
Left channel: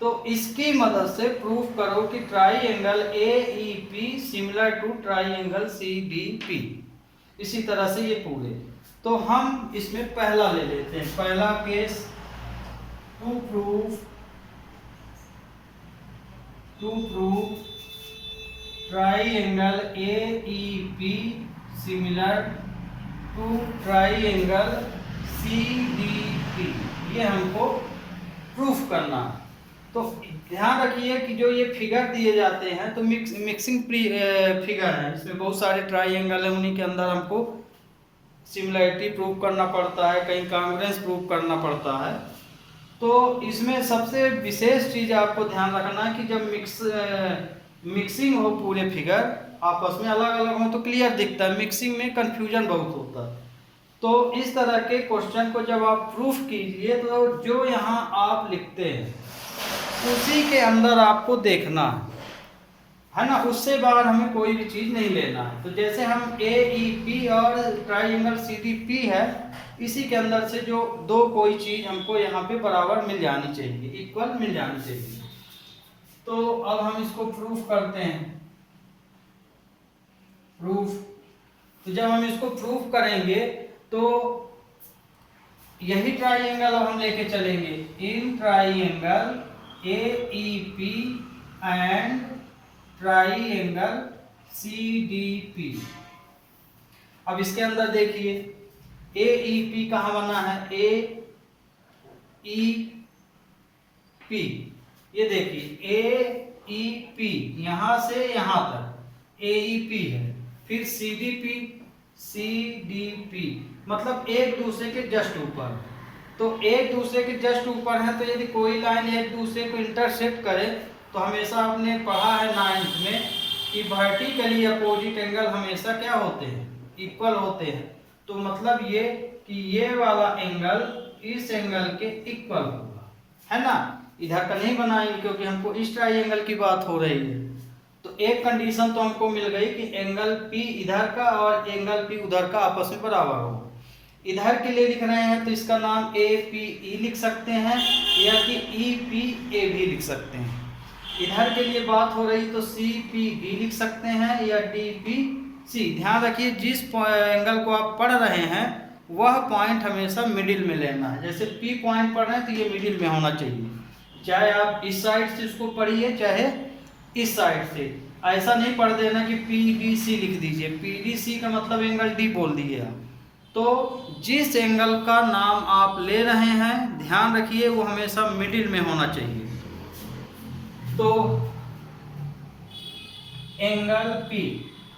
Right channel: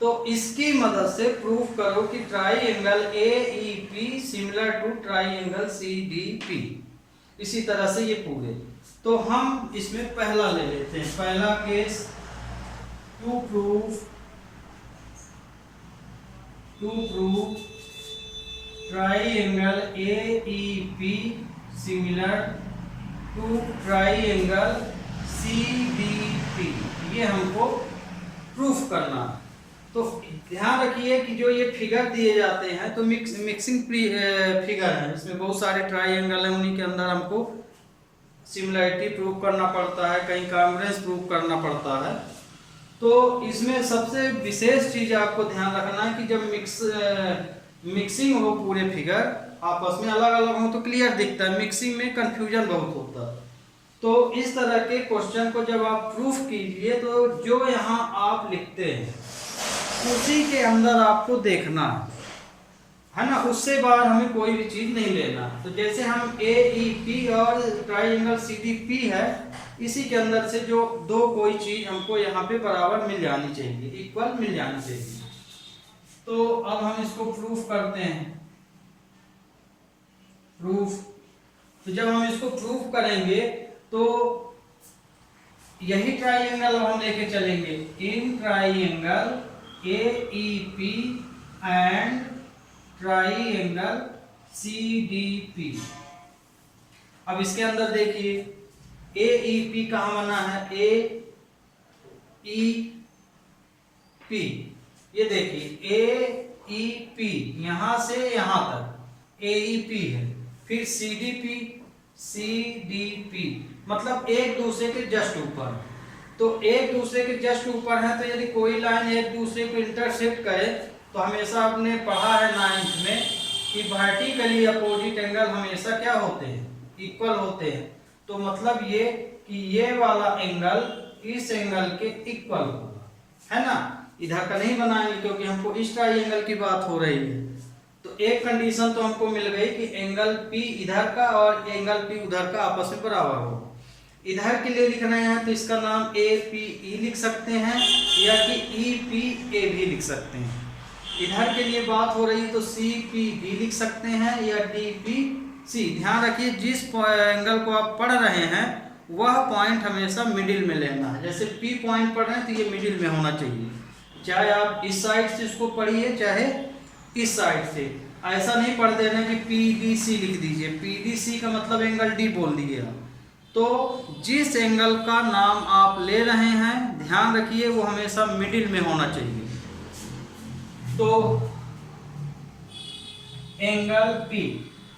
तो इसकी मदद से प्रूफ करो कि triangle AEP similar to triangle CDP। इसी तरह से ये पूरे। तो हम इसमें पहला ले लेते हैं, पहला case, to proof triangle AEP similar to triangle CDP, ये हमको प्रूफ करना। तो ध्यान रखिए कि जो ये फिगर दिए जाते हैं तो मिक्सिंग फिगर है, इसमें बहुत सारे ट्राइएंगल हैं, उन्हीं के अंदर हमको सिमिलरिटी प्रूफ करना पड़ता है, कहीं कॉन्ग्रुएंस प्रूफ करना पड़ता है। तो इसमें सबसे विशेष चीज़ आपको ध्यान रखना है कि जब मिक्सिंग हो पूरे फिगर आपस में अलग अलग हो तो क्लियर दिखता है, मिक्सिंग में कंफ्यूजन बहुत होता है। तो इस तरह के क्वेश्चन को जब आप प्रूफ कीजिए तो जो यहाँ आप लिखते हैं उसी के अंदर आपको देखना है ना, उससे बाहर हमें कोई भी चीज़ नहीं लेना है। तो जैसे हम AEP और ट्राइएंगल CDP है, इसी के अंदर से जो दो कोई चीज़ हमको यहाँ पे बराबर मिल जानी चाहिए, इक्वल मिल जानी चाहिए। तो अब हम इसको प्रूफ करते हैं, प्रूफ। तो जब हम इसको प्रूफ करेंगे तो यही ट्राइएंगल हम लेके चलेंगे, in triangle AEP and triangle CDP। अब इसके अंदर देखिए AEP कहाँ बना है, AEP, ये देखिए AEP यहाँ से यहाँ तक AEP है, फिर CDP मतलब एक दूसरे के जस्ट ऊपर। तो एक दूसरे के जस्ट ऊपर है, तो यदि कोई लाइन एक दूसरे को इंटरसेक्ट करे तो हमेशा आपने पढ़ा है 9th में कि वर्टिकली अपोजिट एंगल हमेशा क्या होते हैं, इक्वल होते हैं। तो मतलब ये कि ये वाला एंगल इस एंगल के इक्वल होगा, है ना। इधर का नहीं बनाएंगे क्योंकि हमको इस ट्राइएंगल की बात हो रही है। तो एक कंडीशन तो हमको मिल गई कि एंगल P इधर का और एंगल P उधर का आपस में बराबर हो। इधर के लिए लिख रहे हैं तो इसका नाम APE लिख सकते हैं या कि EPA भी लिख सकते हैं। इधर के लिए बात हो रही तो CPB लिख सकते हैं या DPC। ध्यान रखिए जिस एंगल को आप पढ़ रहे हैं वह पॉइंट हमेशा मिडिल में लेना है। जैसे P पॉइंट पढ़ रहे हैं तो ये मिडिल में होना चाहिए, चाहे आप इस साइड से इसको पढ़िए चाहे इस साइड से। ऐसा नहीं पढ़ देना कि PDC लिख दीजिए, PDC का मतलब एंगल D बोल दिए आप। तो जिस एंगल का नाम आप ले रहे हैं ध्यान रखिए वो हमेशा मिडिल में होना चाहिए। तो एंगल P,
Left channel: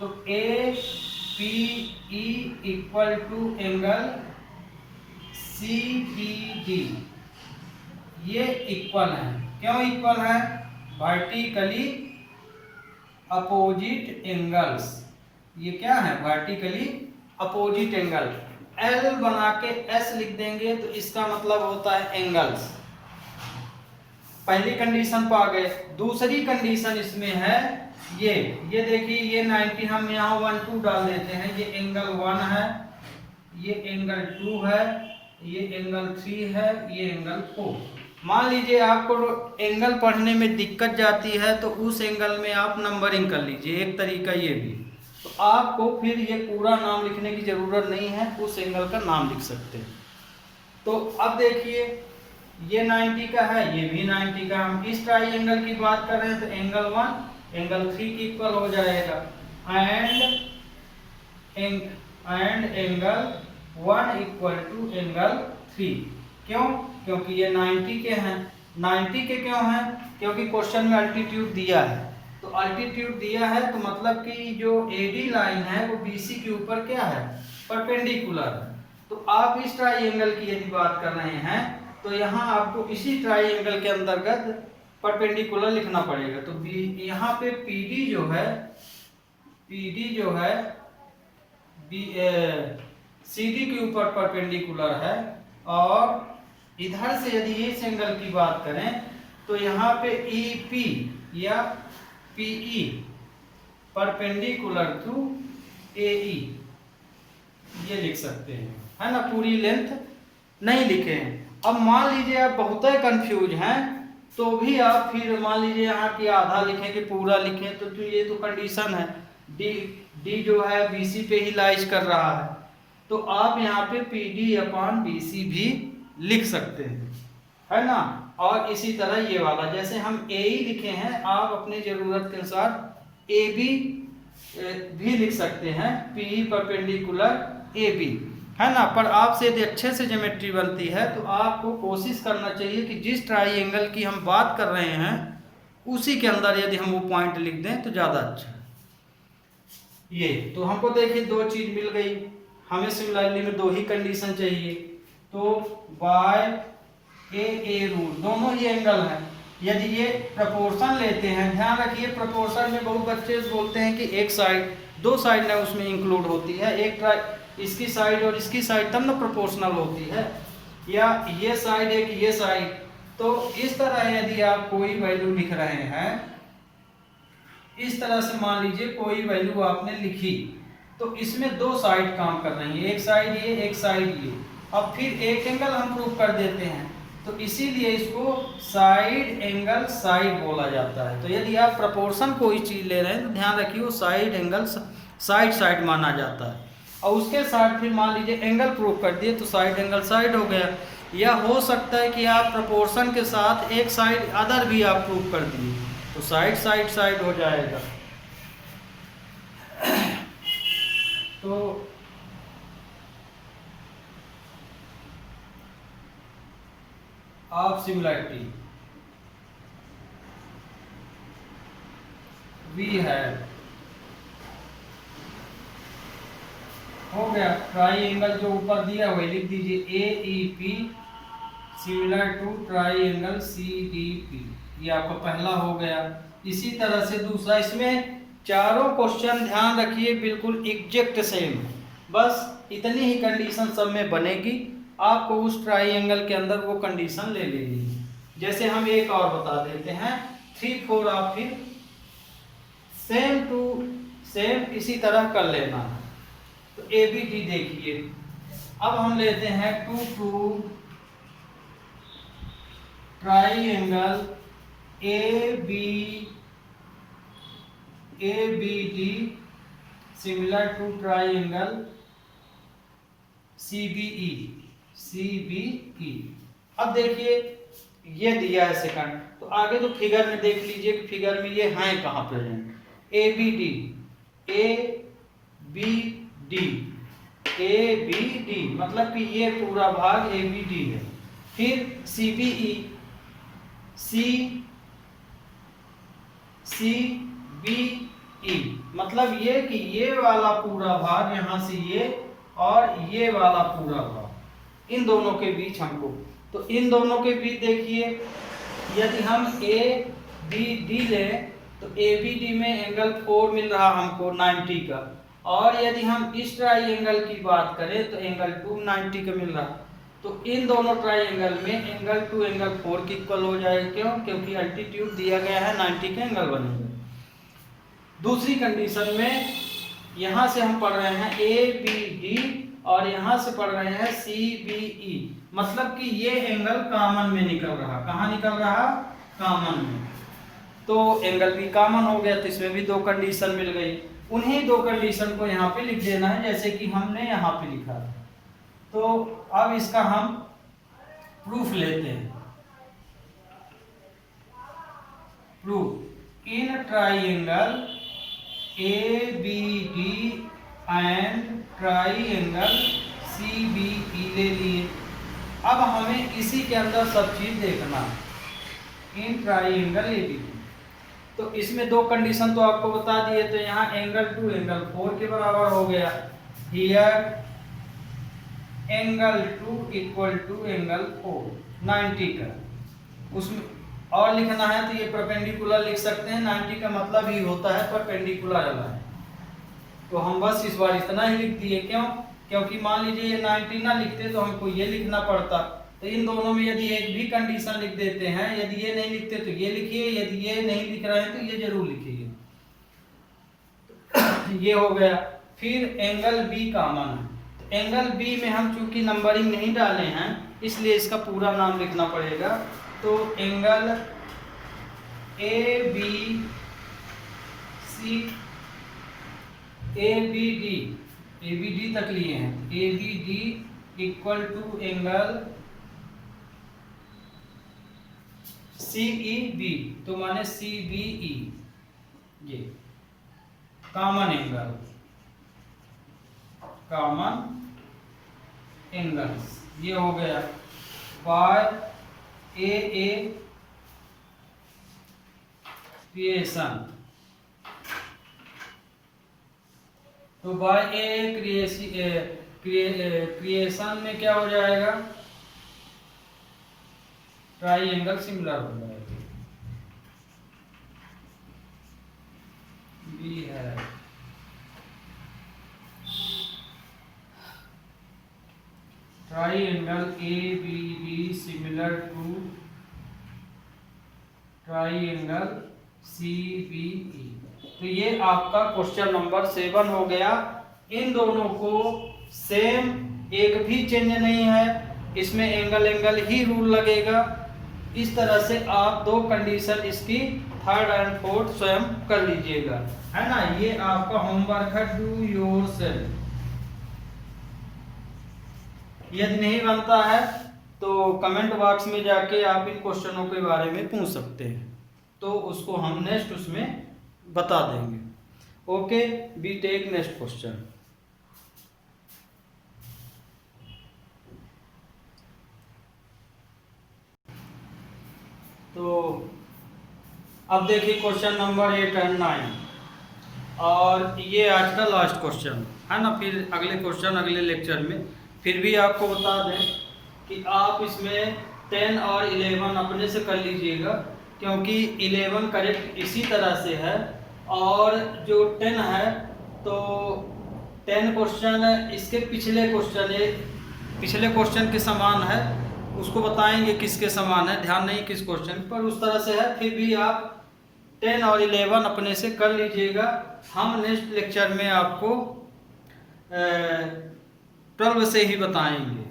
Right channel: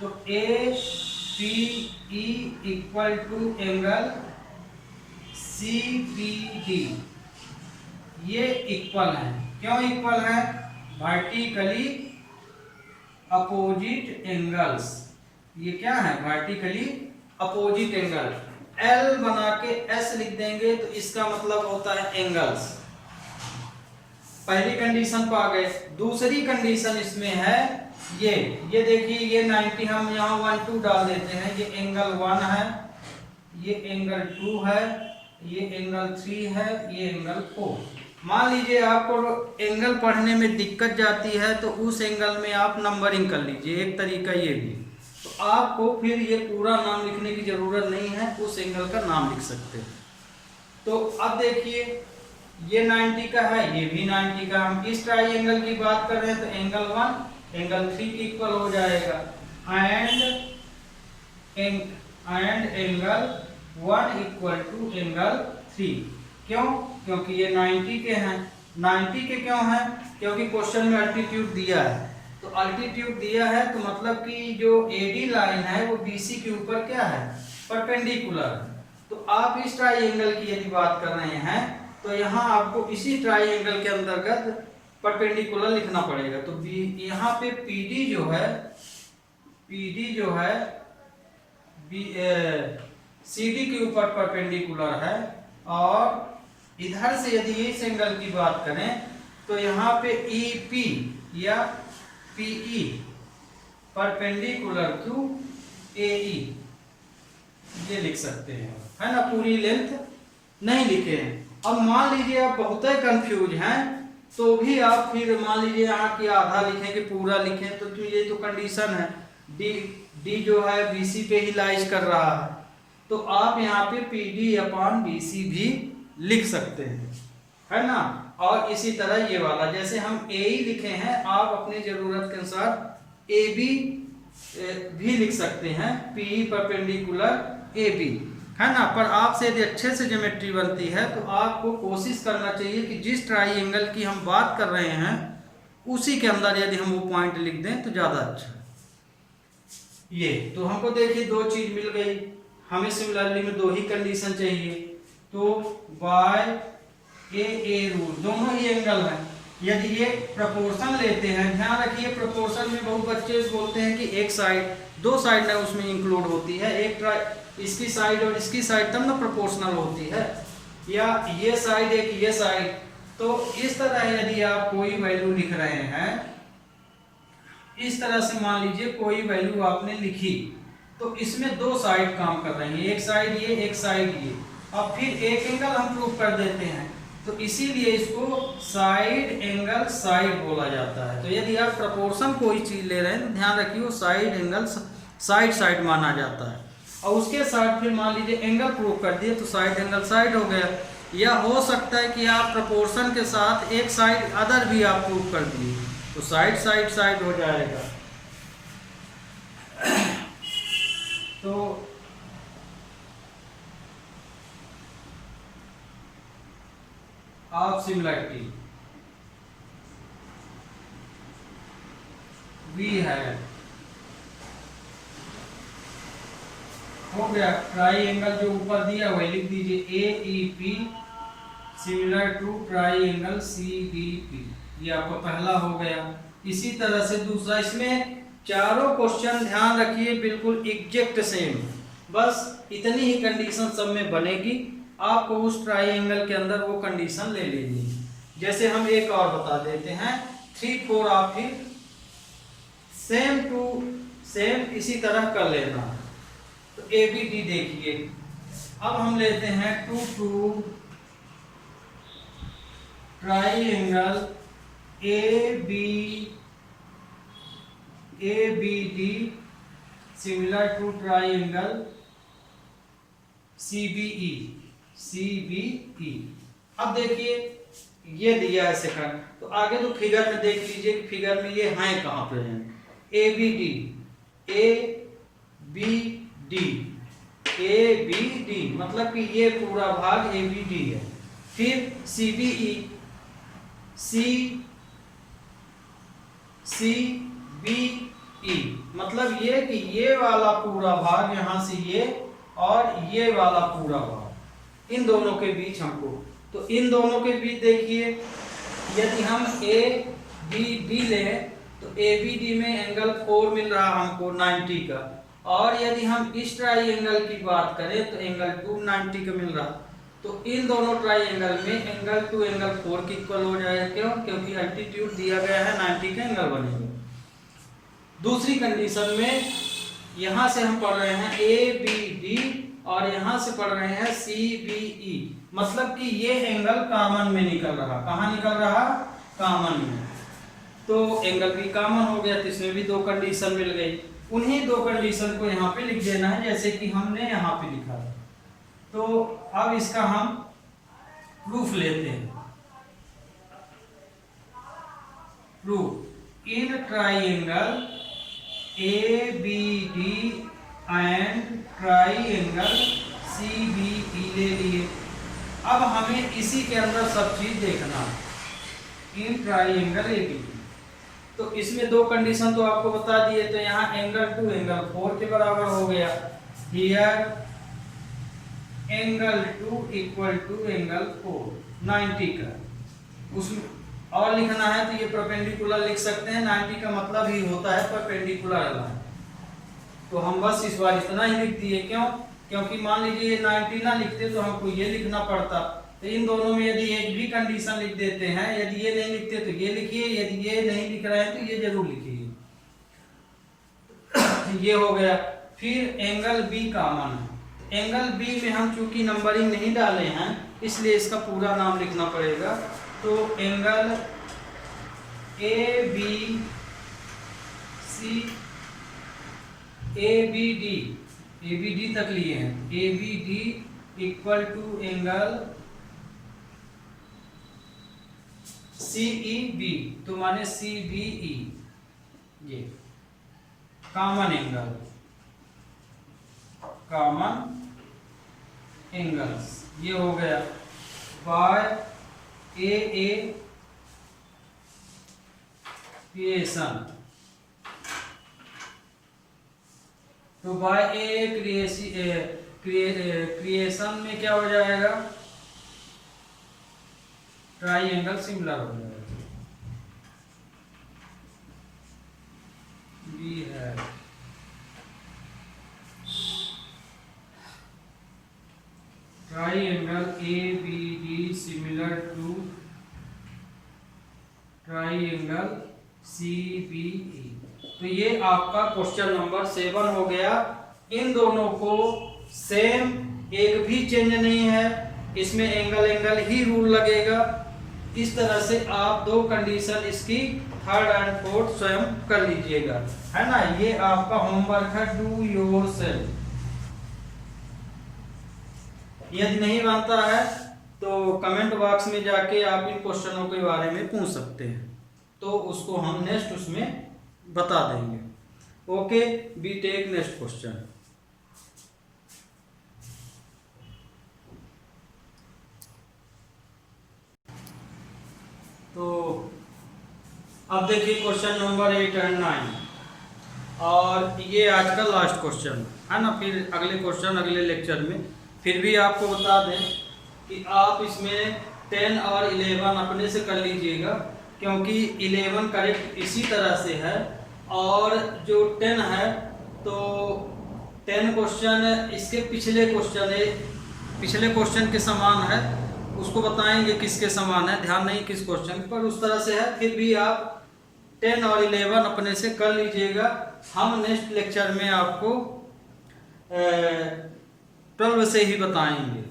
तो APE equal to angle CPD, ये इक्वल है। क्यों इक्वल है, वर्टिकली अपोजिट एंगल्स। ये क्या है, वर्टिकली अपोजिट एंगल। L बना के S लिख देंगे तो इसका मतलब होता है एंगल्स। पहली कंडीशन पा गए। दूसरी कंडीशन इसमें है ये देखिए, ये 90 हम यहाँ 1 2 डाल देते हैं। ये एंगल 1 है, ये एंगल 2 है, ये एंगल 3 है, ये एंगल 4। मान लीजिए आपको एंगल पढ़ने में दिक्कत जाती है तो उस एंगल में आप नंबरिंग कर लीजिए, एक तरीका ये भी। तो आपको फिर ये पूरा नाम लिखने की ज़रूरत नहीं है, उस एंगल का नाम लिख सकते हैं। तो अब देखिए ये 90 का है, ये भी 90 का। हम इस ट्राइएंगल की बात कर रहे हैं तो एंगल 1 एंगल 3 के इक्वल हो जाएगा, and angle 1 equal to angle 3। क्यों, क्योंकि ये 90 के हैं। 90 के क्यों हैं, क्योंकि क्वेश्चन में अल्टीट्यूड दिया है। तो अल्टीट्यूड दिया है तो मतलब कि जो AD लाइन है वो BC के ऊपर क्या है, परपेंडिकुलर है। तो आप इस ट्राइएंगल की यदि बात कर रहे हैं तो यहाँ आपको इसी ट्राइंगल के अंतर्गत परपेंडिकुलर लिखना पड़ेगा। तो बी यहाँ पे पीडी जो है सीडी के ऊपर परपेंडिकुलर है, और इधर से यदि इस एंगल की बात करें तो यहाँ पे ईपी या पीई परपेंडिकुलर टू एई ये लिख सकते हैं, है ना। पूरी लेंथ नहीं लिखे हैं। अब मान लीजिए आप बहुत ही कंफ्यूज हैं, तो भी आप फिर मान लीजिए यहाँ की आधा लिखें कि पूरा लिखें, तो ये तो कंडीशन है, डी जो है बीसी पे ही लाइज कर रहा है, तो आप यहाँ पे पीडी अपॉन बीसी भी लिख सकते हैं, है ना। और इसी तरह ये वाला जैसे हम ए लिखे हैं, आप अपनी जरूरत के अनुसार ए बी भी लिख सकते हैं, पी परपेंडिकुलर ए बी, है ना। पर आपसे यदि अच्छे से ज्योमेट्री बनती है तो आपको कोशिश करना चाहिए कि जिस ट्राइंगल की हम बात कर रहे हैं उसी के अंदर यदि हम वो पॉइंट लिख दें तो ज़्यादा अच्छा है। ये तो हमको देखिए दो चीज़ मिल गई, हमें सिमिलरली में दो ही कंडीशन चाहिए, तो बाय ए रूट दोनों ही एंगल है। यदि ये प्रपोर्शन लेते हैं, ध्यान रखिए प्रपोर्शन में बहुत बच्चे बोलते हैं कि एक साइड, दो साइड ना उसमें इंक्लूड होती है, एक इसकी साइड और इसकी साइड तब ना प्रोपोर्शनल होती है, या ये साइड एक ये साइड। तो इस तरह यदि आप कोई वैल्यू लिख रहे हैं, इस तरह से मान लीजिए कोई वैल्यू आपने लिखी, तो इसमें दो साइड काम कर रही है, एक साइड ये एक साइड ये, अब फिर एक एंगल हम प्रूव कर देते हैं, तो इसीलिए इसको साइड एंगल साइड बोला जाता है। तो यदि आप प्रपोर्शन कोई चीज़ ले रहे हैं तो ध्यान रखिए वो साइड एंगल साइड माना जाता है, और उसके साथ फिर मान लीजिए एंगल प्रूव कर दिए तो साइड एंगल साइड हो गया। या हो सकता है कि आप प्रपोर्शन के साथ एक साइड अदर भी आप प्रूव कर दिए तो साइड हो जाएगा। तो आप सिमिलरिटी वी है हो गया, ट्राइंगल जो ऊपर दिया वही लिख दीजिए, A E P similar to triangle C D P, ये आपका पहला हो गया। इसी तरह से दूसरा, इसमें चारों क्वेश्चन ध्यान रखिए बिल्कुल एग्जैक्ट सेम, बस इतनी ही कंडीशन सब में बनेगी, आपको उस ट्राइंगल के अंदर वो कंडीशन ले लेनी है। जैसे हम एक और बता देते हैं, 3 4 आप फिर सेम टू सेम इसी तरह कर लेना। तो ए बी डी देखिए, अब हम लेते हैं 2 2 triangle A B D similar to triangle C B E. अब देखिए ये दिया है सेकंड, तो आगे तो फिगर में देख लीजिए कि फिगर में ये हैं कहाँ प्रेजेंट, ए बी डी मतलब कि ये पूरा भाग ए बी डी है। फिर सी बी ई मतलब ये कि ये वाला पूरा भाग यहाँ से ये और ये वाला पूरा भाग, इन दोनों के बीच हमको, तो इन दोनों के बीच देखिए यदि हम ए बी डी लें तो ए बी डी में एंगल 4 मिल रहा हमको 90 का, और यदि हम इस ट्राइंगल की बात करें तो एंगल 2 90 का मिल रहा, तो इन दोनों ट्राइंगल में एंगल 2 एंगल 4 की इक्वल हो जाएगा। क्यों? क्योंकि अल्टीट्यूड दिया गया है 90 का एंगल बनेगा। दूसरी कंडीशन में यहाँ से हम पढ़ रहे हैं ए बी डी और यहाँ से पढ़ रहे हैं सी बी ई, मतलब कि ये एंगल कॉमन में निकल रहा, कहाँ निकल रहा? कॉमन में, तो एंगल भी कॉमन हो गया, तो इसमें भी दो कंडीशन मिल गई। उन्हीं दो कंडीशन को यहाँ पे लिख देना है जैसे कि हमने यहाँ पे लिखा है। तो अब इसका हम प्रूफ लेते हैं। Proof in triangle A B D and triangle C B E ले लिए। अब हमें इसी के अंदर सब चीज देखना in triangle A B D. तो इसमें दो कंडीशन तो आपको बता दिए, तो यहाँ एंगल 2 एंगल 4 के बराबर हो गया। Here angle 2 equal to angle 4 90 का। उसमें और लिखना है तो ये परपेंडिकुलर लिख सकते हैं। 90 का मतलब ही होता है परपेंडिकुलर लाइन। तो हम बस इस बार इतना ही लिख दिए। क्यों? क्योंकि मान लीजिए ये 90 ना लिखते तो हमको ये लिखना पड़ता। तो इन दोनों में यदि एक भी कंडीशन लिख देते हैं, यदि ये नहीं लिखते तो ये लिखिए, यदि ये नहीं लिख रहे हैं तो ये जरूर लिखिए। ये हो गया। फिर एंगल बी कॉमन है। एंगल बी में हम चूंकि नंबरिंग नहीं डाले हैं इसलिए इसका पूरा नाम लिखना पड़ेगा। तो angle A B C A B D तक लिए हैं। A B D equal to angle C E B, तो माने सी बी ई, ये कॉमन एंगल्स ये हो गया। बाय ए क्रिएशन, तो बाय ए क्रिएशन में क्या हो जाएगा? ट्राइएंगल सिमिलर हो जाएगा। बी है triangle A B D similar to triangle C B E. तो ये आपका क्वेश्चन नंबर 7 हो गया। इन दोनों को सेम, एक भी चेंज नहीं है, इसमें एंगल ही रूल लगेगा। इस तरह से आप दो कंडीशन इसकी थर्ड एंड फोर्थ स्वयं कर लीजिएगा, है ना। ये आपका होमवर्क है, डू योरसेल्फ। यदि नहीं बनता है तो कमेंट बॉक्स में जाके आप इन क्वेश्चनों के बारे में पूछ सकते हैं, तो उसको हम नेक्स्ट उसमें बता देंगे। Okay, be take next question. तो अब देखिए क्वेश्चन नंबर 8 एंड 9, और ये आज का लास्ट क्वेश्चन है ना। फिर अगले क्वेश्चन अगले लेक्चर में। फिर भी आपको बता दें कि आप इसमें 10 और 11 अपने से कर लीजिएगा, क्योंकि 11 करेक्ट इसी तरह से है, और जो 10 है तो 10 क्वेश्चन इसके पिछले क्वेश्चन के समान है। उसको बताएंगे किसके समान है, ध्यान नहीं किस क्वेश्चन पर, उस तरह से है। फिर भी आप 10 और 11 अपने से कर लीजिएगा। हम नेक्स्ट लेक्चर में आपको 12 से ही बताएंगे।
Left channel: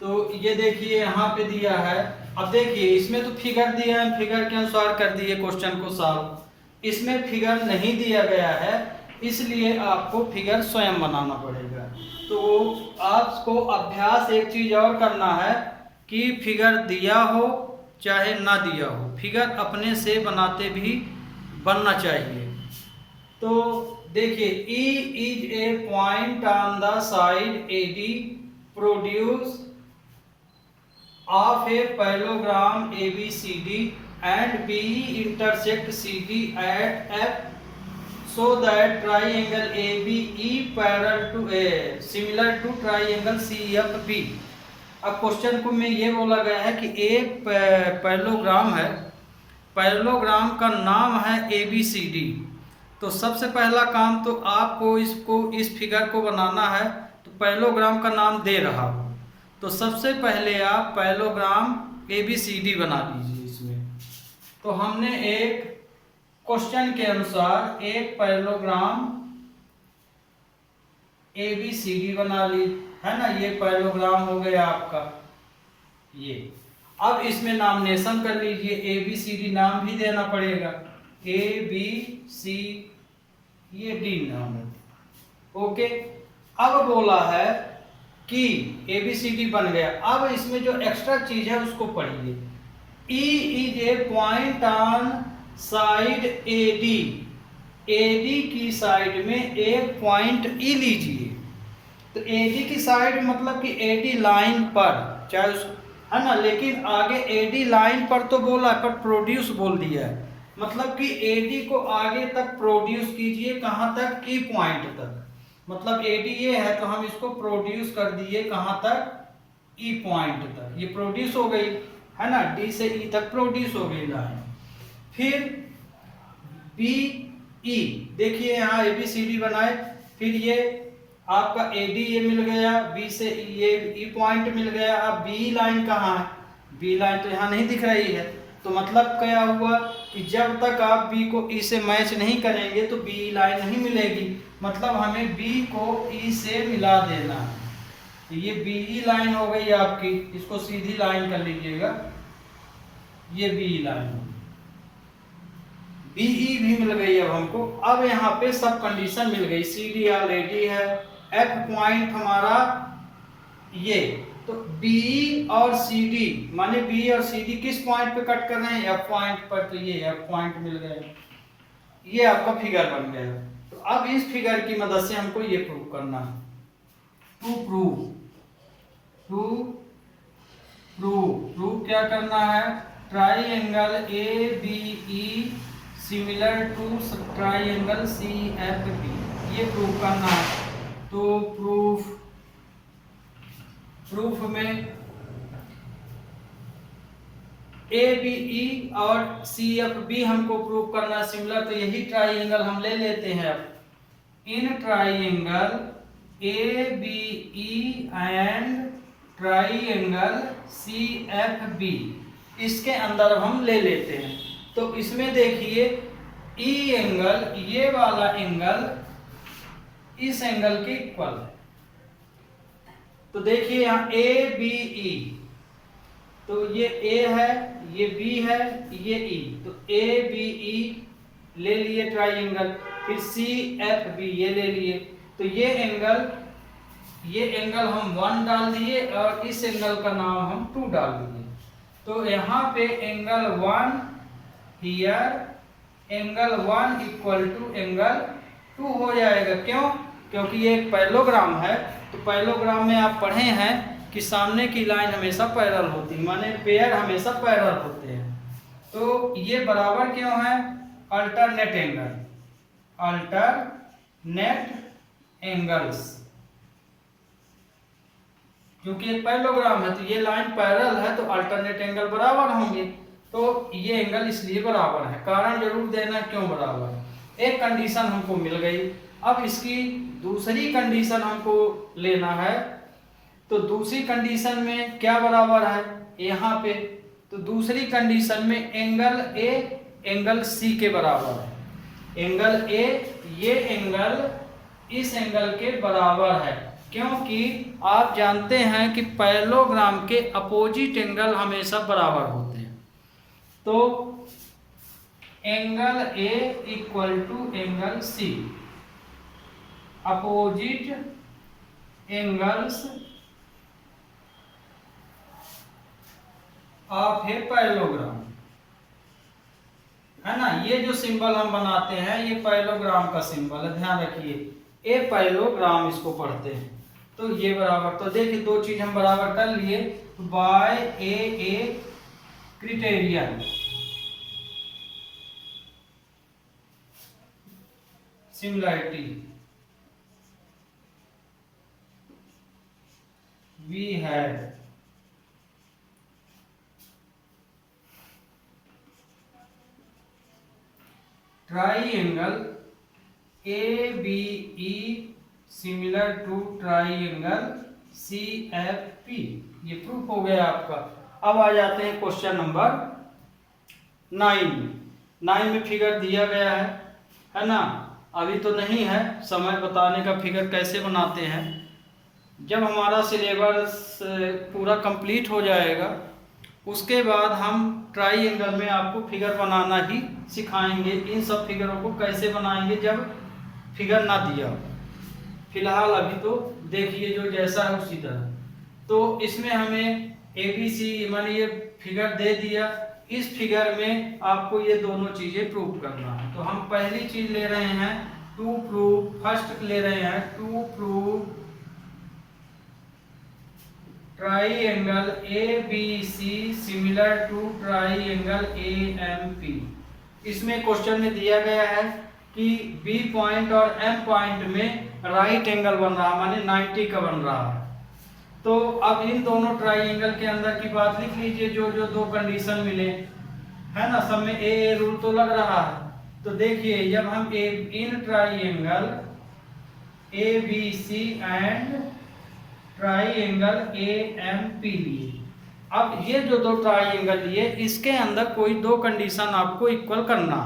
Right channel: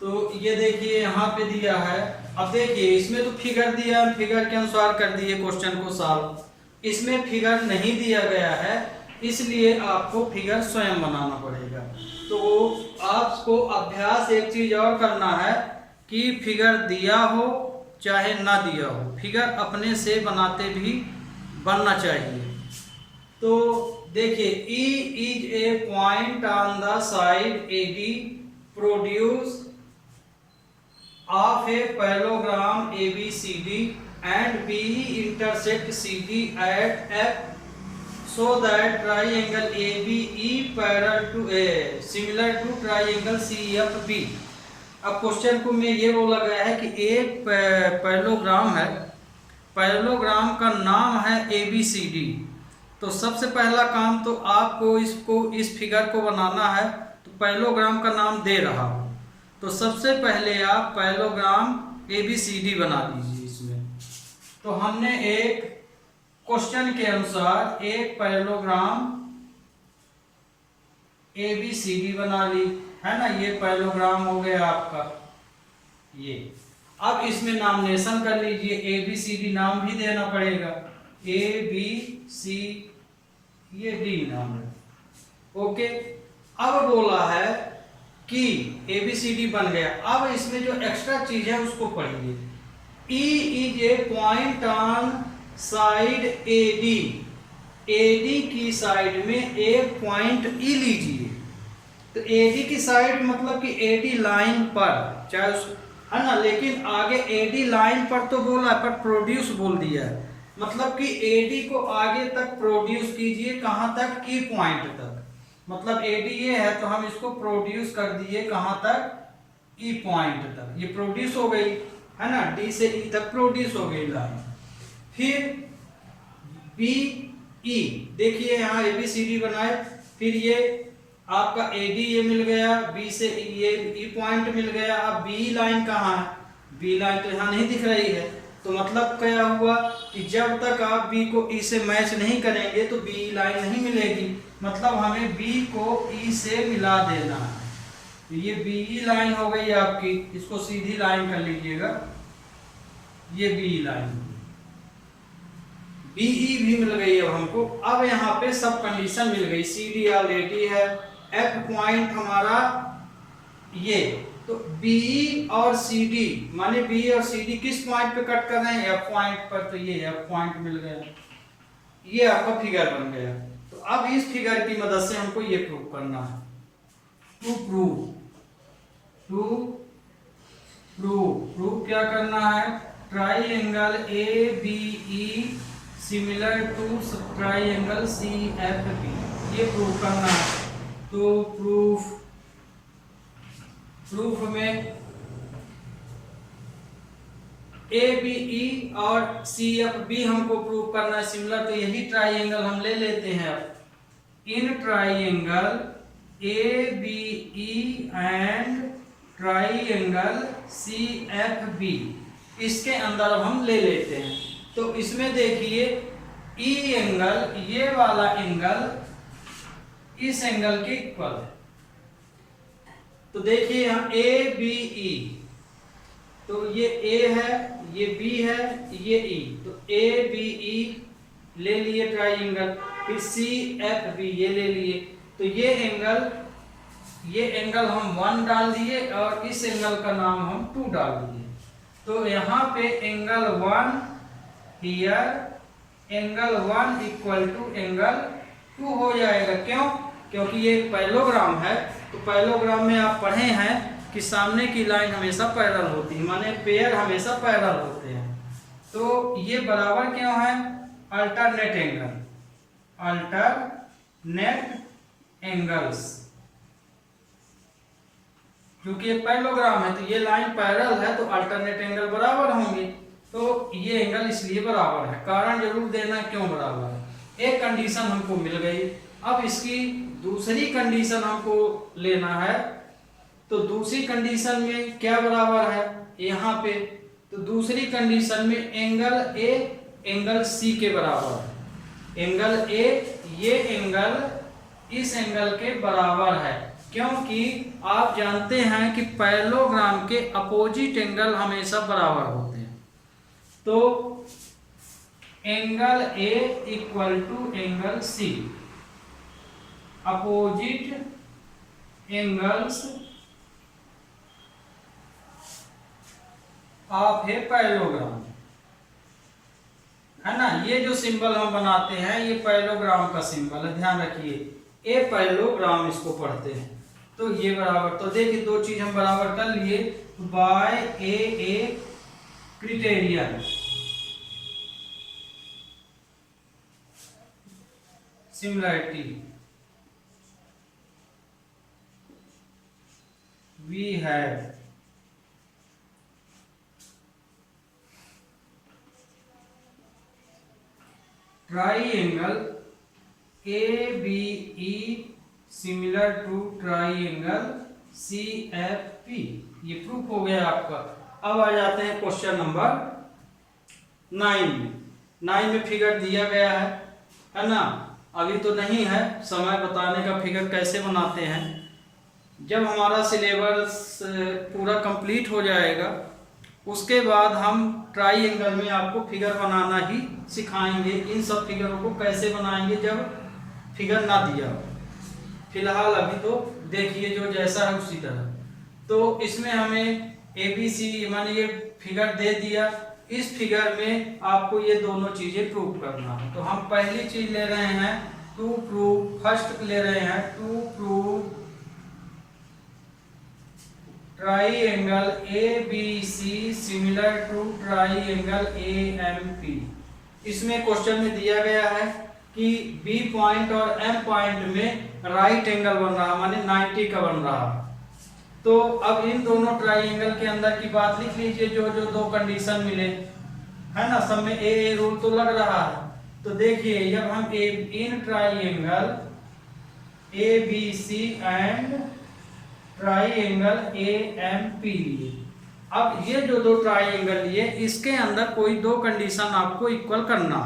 तो ये देखिए यहाँ पे दिया है। अब देखिए इसमें तो फिगर दिया है, फिगर के अनुसार कर दिए क्वेश्चन को सॉल्व। इसमें फिगर नहीं दिया गया है, इसलिए आपको फिगर स्वयं बनाना पड़ेगा। तो आपको अभ्यास एक चीज और करना है कि फिगर दिया हो चाहे ना दिया हो, फिगर अपने से बनाते भी बनना चाहिए। तो देखिए, E is a point on the side AB produced of a parallelogram ABCD and BE intersect CD at F, so that triangle ABE parallel to A similar to triangle CFB। अब question को में ये बोला गया है कि एक parallelogram है, पैरेललोग्राम का नाम है ABCD। तो सबसे पहला काम तो आपको इस फिगर को बनाना है, तो पैरेललोग्राम का नाम दे रहा हो, तो सबसे पहले आप पैरेललोग्राम ABCD बना लीजिए इसमें। तो हमने एक क्वेश्चन के अनुसार एक पैरेललोग्राम ABCD बना ली, है ना। ये पैरेललोग्राम हो गया आपका ये। अब इसमें नामिनेशन कर लीजिए, ABCD नाम भी देना पड़ेगा, ABC ये D नाम है। ओके, अब बोला है कि ABCD बन गया। अब इसमें जो एक्स्ट्रा चीज है उसको पढ़िए। E is a point on side AD की साइड में एक पॉइंट E लीजिए। तो AD की साइड मतलब कि AD लाइन पर, चाहे है ना, लेकिन आगे AD लाइन पर तो बोला है, पर प्रोड्यूस बोल दिया है, मतलब कि AD को आगे तक प्रोड्यूस कीजिए। कहाँ तक? की पॉइंट तक। मतलब AD ये है तो हम इसको प्रोड्यूस कर दिए कहाँ तक, E पॉइंट तक, ये प्रोड्यूस हो गई है ना, D से E तक प्रोड्यूस हो गई लाइन। फिर BE देखिए यहाँ ABCD बनाए, फिर ये आपका AD ये मिल गया, B से ये E पॉइंट मिल गया। अब B लाइन कहाँ है, B लाइन तो यहाँ नहीं दिख रही है, तो मतलब क्या हुआ कि जब तक आप B को E से मैच नहीं करेंगे तो B लाइन नहीं मिलेगी, मतलब हमें B को E से मिला देना है। तो ये BE लाइन हो गई आपकी, इसको सीधी लाइन कर लीजिएगा, ये BE लाइन, BE भी मिल गई अब हमको। अब यहाँ पे सब कंडीशन मिल गई, CD ऑलरेडी है, F पॉइंट हमारा ये, तो BE और CD माने BE और CD किस पॉइंट पे कट कर रहे हैं, F पॉइंट पर, तो ये F पॉइंट मिल गया, ये आपका फिगर बन गया। तो अब इस फिगर की मदद से हमको ये प्रूव करना है, प्रूव क्या करना है, triangle ABE similar to triangle CFB, ये प्रूव करना है। तो प्रूफ में ABE और CFB हमको प्रूव करना है सिमिलर, तो यही ट्राइएंगल हम ले लेते हैं। अब in triangle ABE and triangle CFB, इसके अंदर अब हम ले लेते हैं। तो इसमें देखिए E एंगल, ये वाला एंगल इस एंगल के इक्वल है, तो देखिए यहाँ ABE, तो ये A है, ये B है, ये E, तो ABE ले लिए ट्राइएंगल, फिर CFB ये ले लिए, तो ये एंगल हम 1 डाल दिए और इस एंगल का नाम हम 2 डाल दिए। तो यहाँ पे angle 1 here, angle 1 equal to angle 2 हो जाएगा। क्यों? क्योंकि ये एक पैरेललोग्राम है, तो पैरेललोग्राम में आप पढ़े हैं कि सामने की लाइन हमेशा पैरेलल होती है, माने पेयर हमेशा पैरेलल होते हैं। तो ये बराबर क्यों है, अल्टरनेट एंगल्स, क्योंकि एक पैरेललोग्राम है तो ये लाइन पैरेलल है तो अल्टरनेट एंगल बराबर होंगे, तो ये एंगल इसलिए बराबर है। कारण जरूर देना क्यों बराबर है। एक कंडीशन हमको मिल गई, अब इसकी दूसरी कंडीशन हमको लेना है। तो दूसरी कंडीशन में क्या बराबर है यहाँ पे, तो दूसरी कंडीशन में एंगल A एंगल C के बराबर है। एंगल A ये एंगल इस एंगल के बराबर है, क्योंकि आप जानते हैं कि पैरेललोग्राम के अपोजिट एंगल हमेशा बराबर होते हैं। तो angle A equal to angle C, opposite angles of a parallelogram, है ना। ये जो सिंबल हम बनाते हैं ये पैरेललोग्राम का सिंबल है, ध्यान रखिए, ए पैरेललोग्राम इसको पढ़ते हैं। तो ये बराबर, तो देखिए दो चीज हम बराबर कर लिए, by a criterion, similarity we have triangle ABE similar to triangle CFP, ये प्रूफ हो गया आपका। अब आ जाते हैं क्वेश्चन नंबर 9 में फिगर दिया गया है ना। अभी तो नहीं है समय बताने का फिगर कैसे बनाते हैं, जब हमारा सिलेबस पूरा कंप्लीट हो जाएगा उसके बाद हम ट्राइएंगल में आपको फिगर बनाना ही सिखाएंगे। इन सब फिगरों को कैसे बनाएंगे जब फिगर ना दिया हो, फिलहाल अभी तो देखिए जो जैसा है उसी तरह। तो इसमें हमें ABC माने ये फिगर दे दिया, इस फिगर में आपको ये दोनों चीजें प्रूव करना है। तो हम पहली चीज ले रहे हैं टू प्रूव, फर्स्ट ले रहे हैं to prove triangle ABC similar to triangle AMP। इसमें क्वेश्चन में दिया गया है कि B पॉइंट और M पॉइंट में राइट एंगल बन रहा, माने 90 का बन रहा है। तो अब इन दोनों ट्राइंगल के अंदर की बात लिख लीजिए, जो जो दो कंडीशन मिले, है ना, सब में ए रूल तो लग रहा है। तो देखिए जब हम in triangle A B C and triangle A M P लिए, अब ये जो दो ट्राइंगल लिए इसके अंदर कोई दो कंडीशन आपको इक्वल करना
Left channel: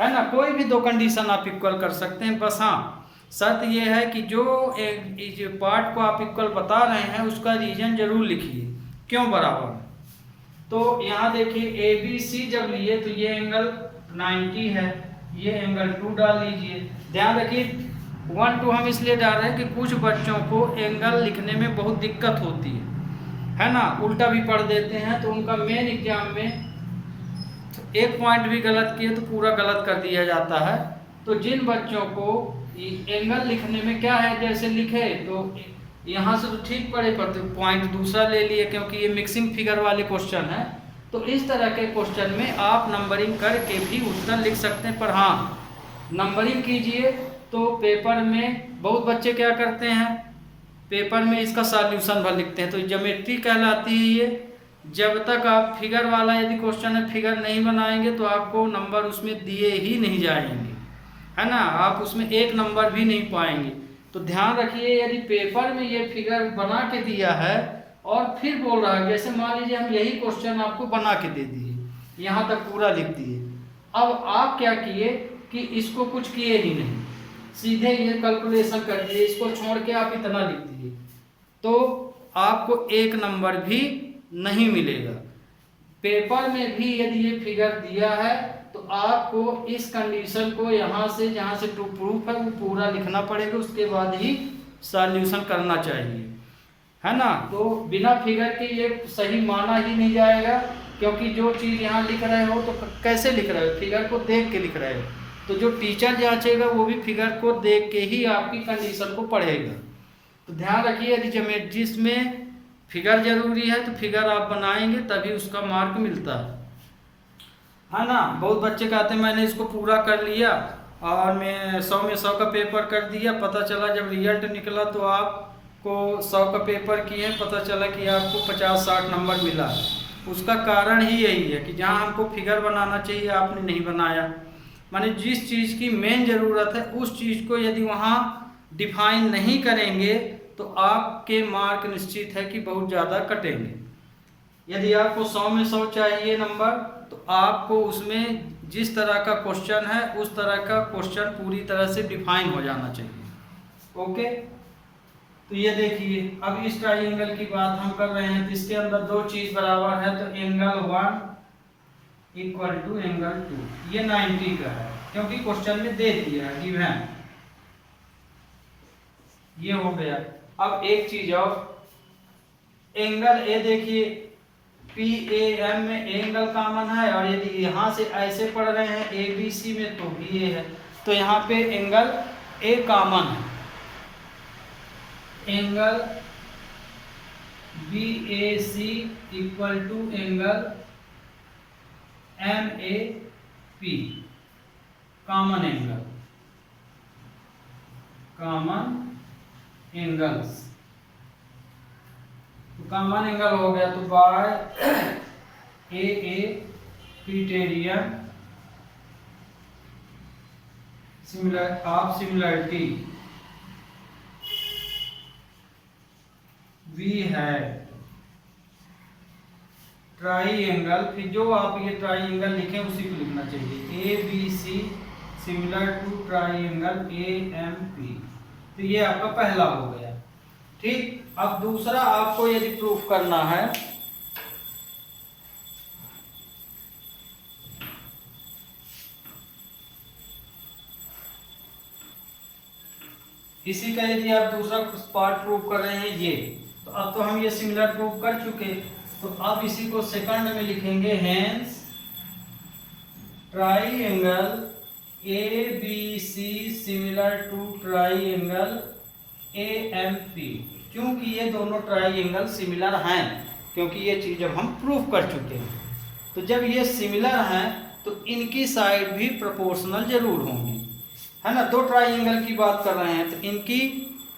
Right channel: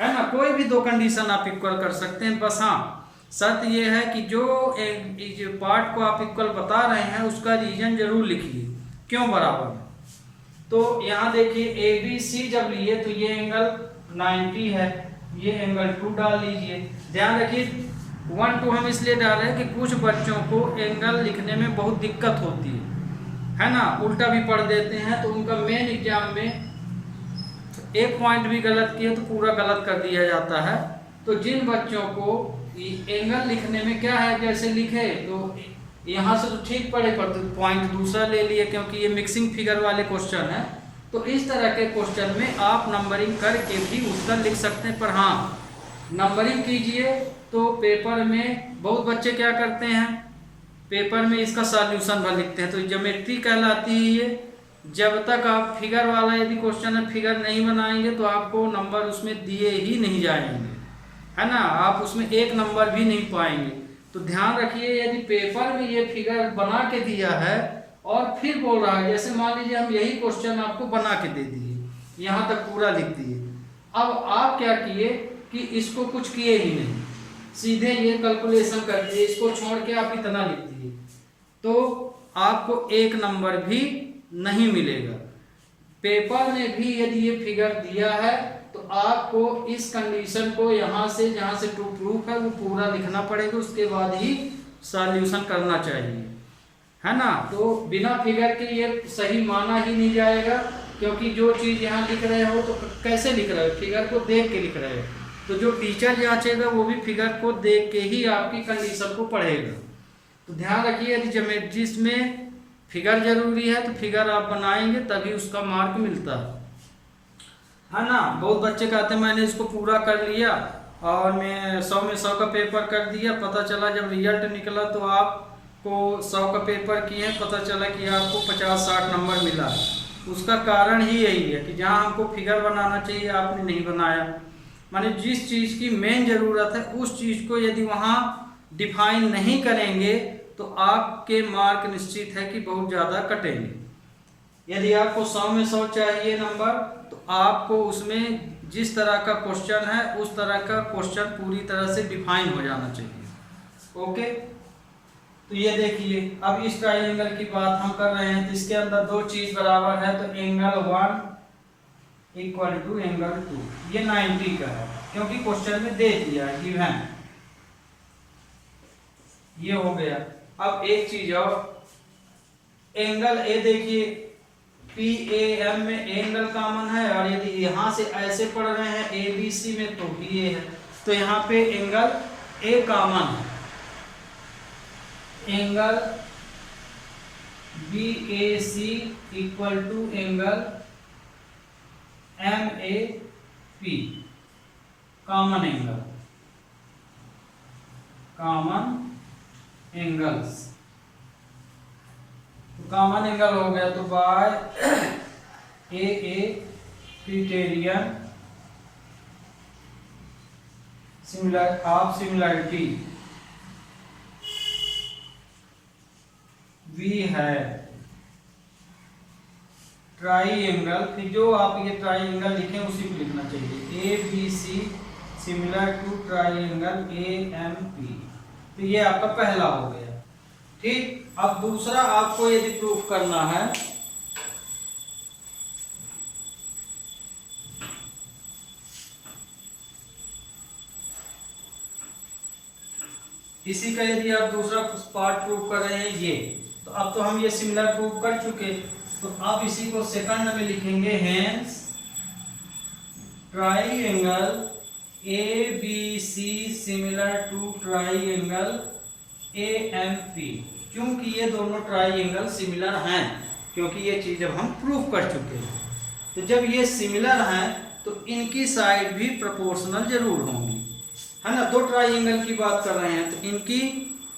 है ना, कोई भी दो कंडीशन आप इक्वल कर सकते हैं। बस हाँ शर्त ये है कि जो पार्ट को आप इक्वल बता रहे हैं उसका रीजन जरूर लिखिए, क्यों बराबर। तो यहाँ देखिए ए बी सी जब लिए तो ये एंगल 90 है, ये एंगल 2 डाल लीजिए। ध्यान रखिए 1 2 हम इसलिए डाल रहे हैं कि कुछ बच्चों को एंगल लिखने में बहुत दिक्कत होती है ना, उल्टा भी पढ़ देते हैं, तो उनका मेन एग्जाम में एक पॉइंट भी गलत किए तो पूरा गलत कर दिया जाता है। तो जिन बच्चों को एंगल लिखने में क्या है, जैसे लिखे तो यहाँ से तो ठीक पड़े पर तो पॉइंट दूसरा ले लिए, क्योंकि ये मिक्सिंग फिगर वाले क्वेश्चन है। तो इस तरह के क्वेश्चन में आप नंबरिंग करके भी उत्तर लिख सकते हैं, पर हाँ नंबरिंग कीजिए। तो पेपर में बहुत बच्चे क्या करते हैं, पेपर में इसका सॉल्यूशन भर लिखते हैं, तो ज्योमेट्री कहलाती है ये। जब तक आप फिगर वाला यदि क्वेश्चन है फिगर नहीं बनाएंगे तो आपको नंबर उसमें दिए ही नहीं जाएंगे, है ना, आप उसमें एक नंबर भी नहीं पाएंगे। तो ध्यान रखिए यदि पेपर में ये फिगर बना के दिया है और फिर बोल रहा है, जैसे मान लीजिए हम यही क्वेश्चन आपको बना के दे दिए, यहाँ तक पूरा लिख दिए, अब आप क्या किए कि इसको कुछ किए ही नहीं, सीधे ये कैलकुलेशन कर दिए, इसको छोड़ के आप इतना लिख दिए, तो आपको एक नंबर भी नहीं मिलेगा। पेपर में भी यदि ये फिगर दिया है तो आपको इस कंडीशन को यहाँ से जहाँ से टू प्रूफ है वो पूरा लिखना पड़ेगा, उसके बाद ही सॉल्यूशन करना चाहिए, है ना। तो बिना फिगर के ये सही माना ही नहीं जाएगा, क्योंकि जो चीज़ यहाँ लिख रहे हो तो कैसे लिख रहे हो, फिगर को देख के लिख रहे हो, तो जो टीचर जांचेगा वो भी फिगर को देख के ही आपकी कंडीशन को पढ़ेगा। तो ध्यान रखिए यदि ज्योमेट्री में फिगर जरूरी है तो फिगर आप बनाएंगे तभी उसका मार्क मिलता है ना। बहुत बच्चे कहते हैं मैंने इसको पूरा कर लिया और मैं 100 में 100 का पेपर कर दिया, पता चला जब रिजल्ट निकला तो आपको 100 का पेपर किए, पता चला कि आपको 50-60 नंबर मिला। उसका कारण ही यही है कि जहाँ हमको फिगर बनाना चाहिए आपने नहीं बनाया, माने जिस चीज़ की मेन ज़रूरत है उस चीज़ को यदि वहाँ डिफाइन नहीं करेंगे तो आपके मार्क निश्चित है कि बहुत ज़्यादा कटेंगे। यदि आपको 100 में 100 चाहिए नंबर तो आपको उसमें जिस तरह का क्वेश्चन है उस तरह का क्वेश्चन पूरी तरह से डिफाइन हो जाना चाहिए। ओके, तो ये देखिए अब इस ट्राइंगल की बात हम कर रहे हैं, तो इसके अंदर दो चीज़ बराबर है, तो एंगल 1 इक्वल टू एंगल 2, ये 90 का है क्योंकि क्वेश्चन में दे दिया है गिवन, ये हो गया। अब एक चीज और, एंगल ए देखिए पी ए एम में एंगल कॉमन है, और यदि यहाँ से ऐसे पढ़ रहे हैं ए बी सी में तो भी ए है, तो यहाँ पे एंगल ए कॉमन है, angle B A C equal to angle M A P, common angle, common angles, तो कॉमन एंगल हो गया, तो by a criterion similar of similarity we है ट्राइंगल, फिर जो आप ये ट्राइंगल लिखें उसी को लिखना चाहिए, A B C similar to triangle A M P, तो ये आपका पहला हो गया। ठीक, अब दूसरा आपको यदि प्रूफ करना है, इसी का यदि आप दूसरा पार्ट प्रूफ कर रहे हैं ये, तो अब तो हम ये सिमिलर प्रूफ कर चुके, तो अब इसी को सेकंड में लिखेंगे, hence triangle A B C similar to triangle A M P, क्योंकि ये दोनों ट्राइंगल सिमिलर हैं, क्योंकि ये चीज़ अब हम प्रूफ कर चुके हैं। तो जब ये सिमिलर हैं तो इनकी साइड भी प्रोपोर्शनल जरूर होंगी, है ना, दो ट्राइंगल की बात कर रहे हैं तो इनकी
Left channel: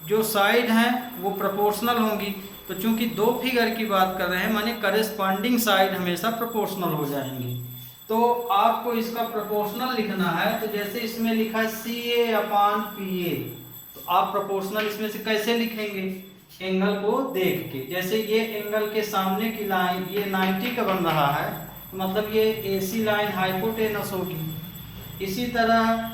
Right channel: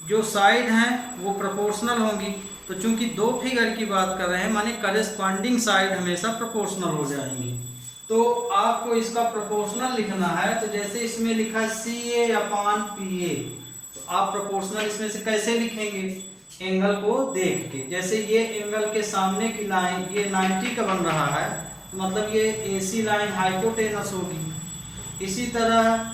जो साइड हैं वो प्रोपोर्शनल होंगी। तो चूंकि दो फिगर की बात कर रहे हैं माने करेस्पॉन्डिंग साइड हमेशा प्रोपोर्शनल हो जाएंगी। तो आपको इसका प्रोपोर्शनल लिखना है, तो जैसे इसमें लिखा है CA/PA, तो आप प्रोपोर्शनल इसमें से कैसे लिखेंगे, एंगल को देख के। जैसे ये एंगल के सामने की लाइन ये 90 का बन रहा है, तो मतलब ये AC लाइन हाइपोटेनस होगी। इसी तरह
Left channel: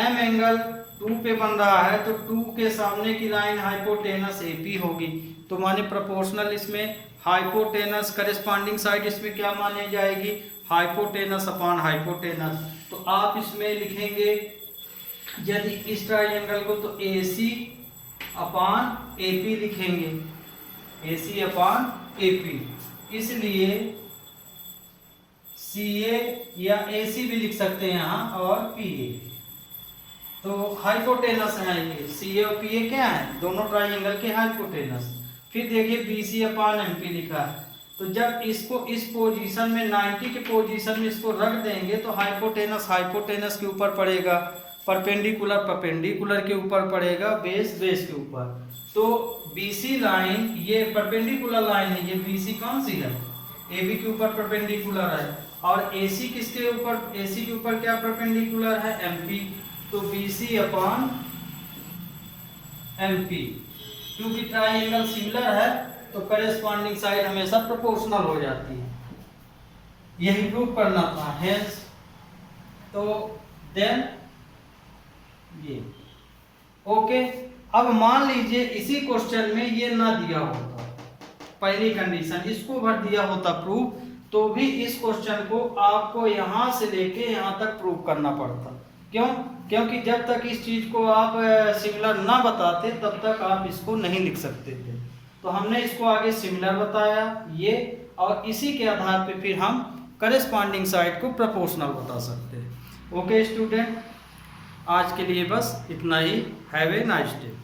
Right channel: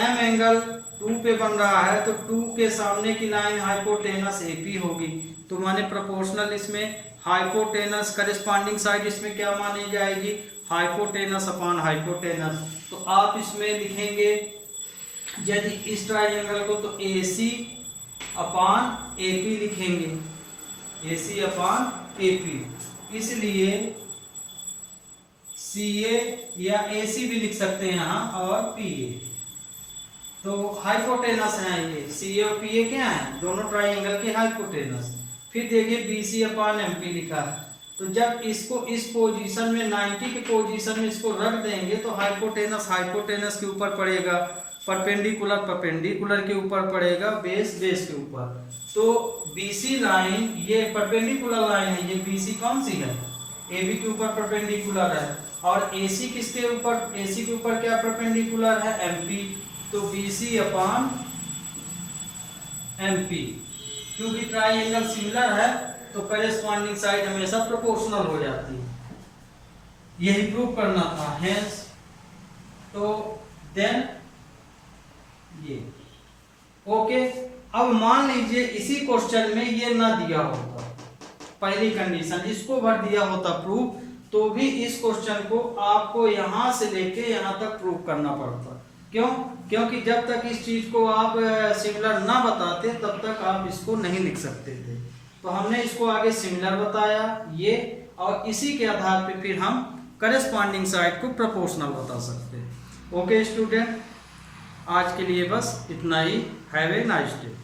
M एंगल 2 पे बन रहा है, तो 2 के सामने की लाइन हाइपोटेनस AP होगी। तो माने प्रोपोर्शनल इसमें हाइपोटेनस करेस्पॉन्डिंग साइड इसमें क्या मानी जाएगी, हाइपोटेनस अपॉन हाइपोटेनस। तो आप इसमें लिखेंगे यदि इस ट्राइंगल को तो AC अपॉन AP लिखेंगे, AC अपॉन AP। इसलिए CA या AC भी लिख सकते हैं यहाँ, और PA। तो हाइपोटेनस है ये, CA और PA क्या है, दोनों ट्राइंगल के हाइपोटेनस। फिर देखिए BC/MP लिखा है, तो जब इसको इस पोजीशन में 90 के पोजीशन में इसको रख देंगे तो हाइपोटेनस हाइपोटेनस के ऊपर पड़ेगा, परपेंडिकुलर परपेंडिकुलर के ऊपर पड़ेगा, बेस बेस के ऊपर। तो BC लाइन ये परपेंडिकुलर लाइन है, ये BC कौन सी है, AB के ऊपर परपेंडिकुलर है, और AC किसके ऊपर, AC के ऊपर क्या परपेंडिकुलर है, MP। तो BC/MP, क्योंकि ट्राइंगल सिमिलर है तो करेस्पॉन्डिंग साइड हमेशा प्रोपोर्शनल हो जाती है, यही प्रूव करना था। हेंस तो देन ये ओके। अब मान लीजिए इसी क्वेश्चन में ये ना दिया होता, पहली कंडीशन इसको भर दिया होता प्रूफ, तो भी इस क्वेश्चन को आपको यहां से लेके यहां तक प्रूव करना पड़ता। क्यों, क्योंकि जब तक इस चीज को आप सिमिलर ना बताते तब तक आप इसको नहीं लिख सकते थे। तो हमने इसको आगे सिमिलर बताया ये, और इसी के आधार पे फिर हम करेस्पॉन्डिंग साइड को प्रोपोर्शनल बता सकते हैं। ओके स्टूडेंट, आज के लिए बस इतना ही। Have a nice day.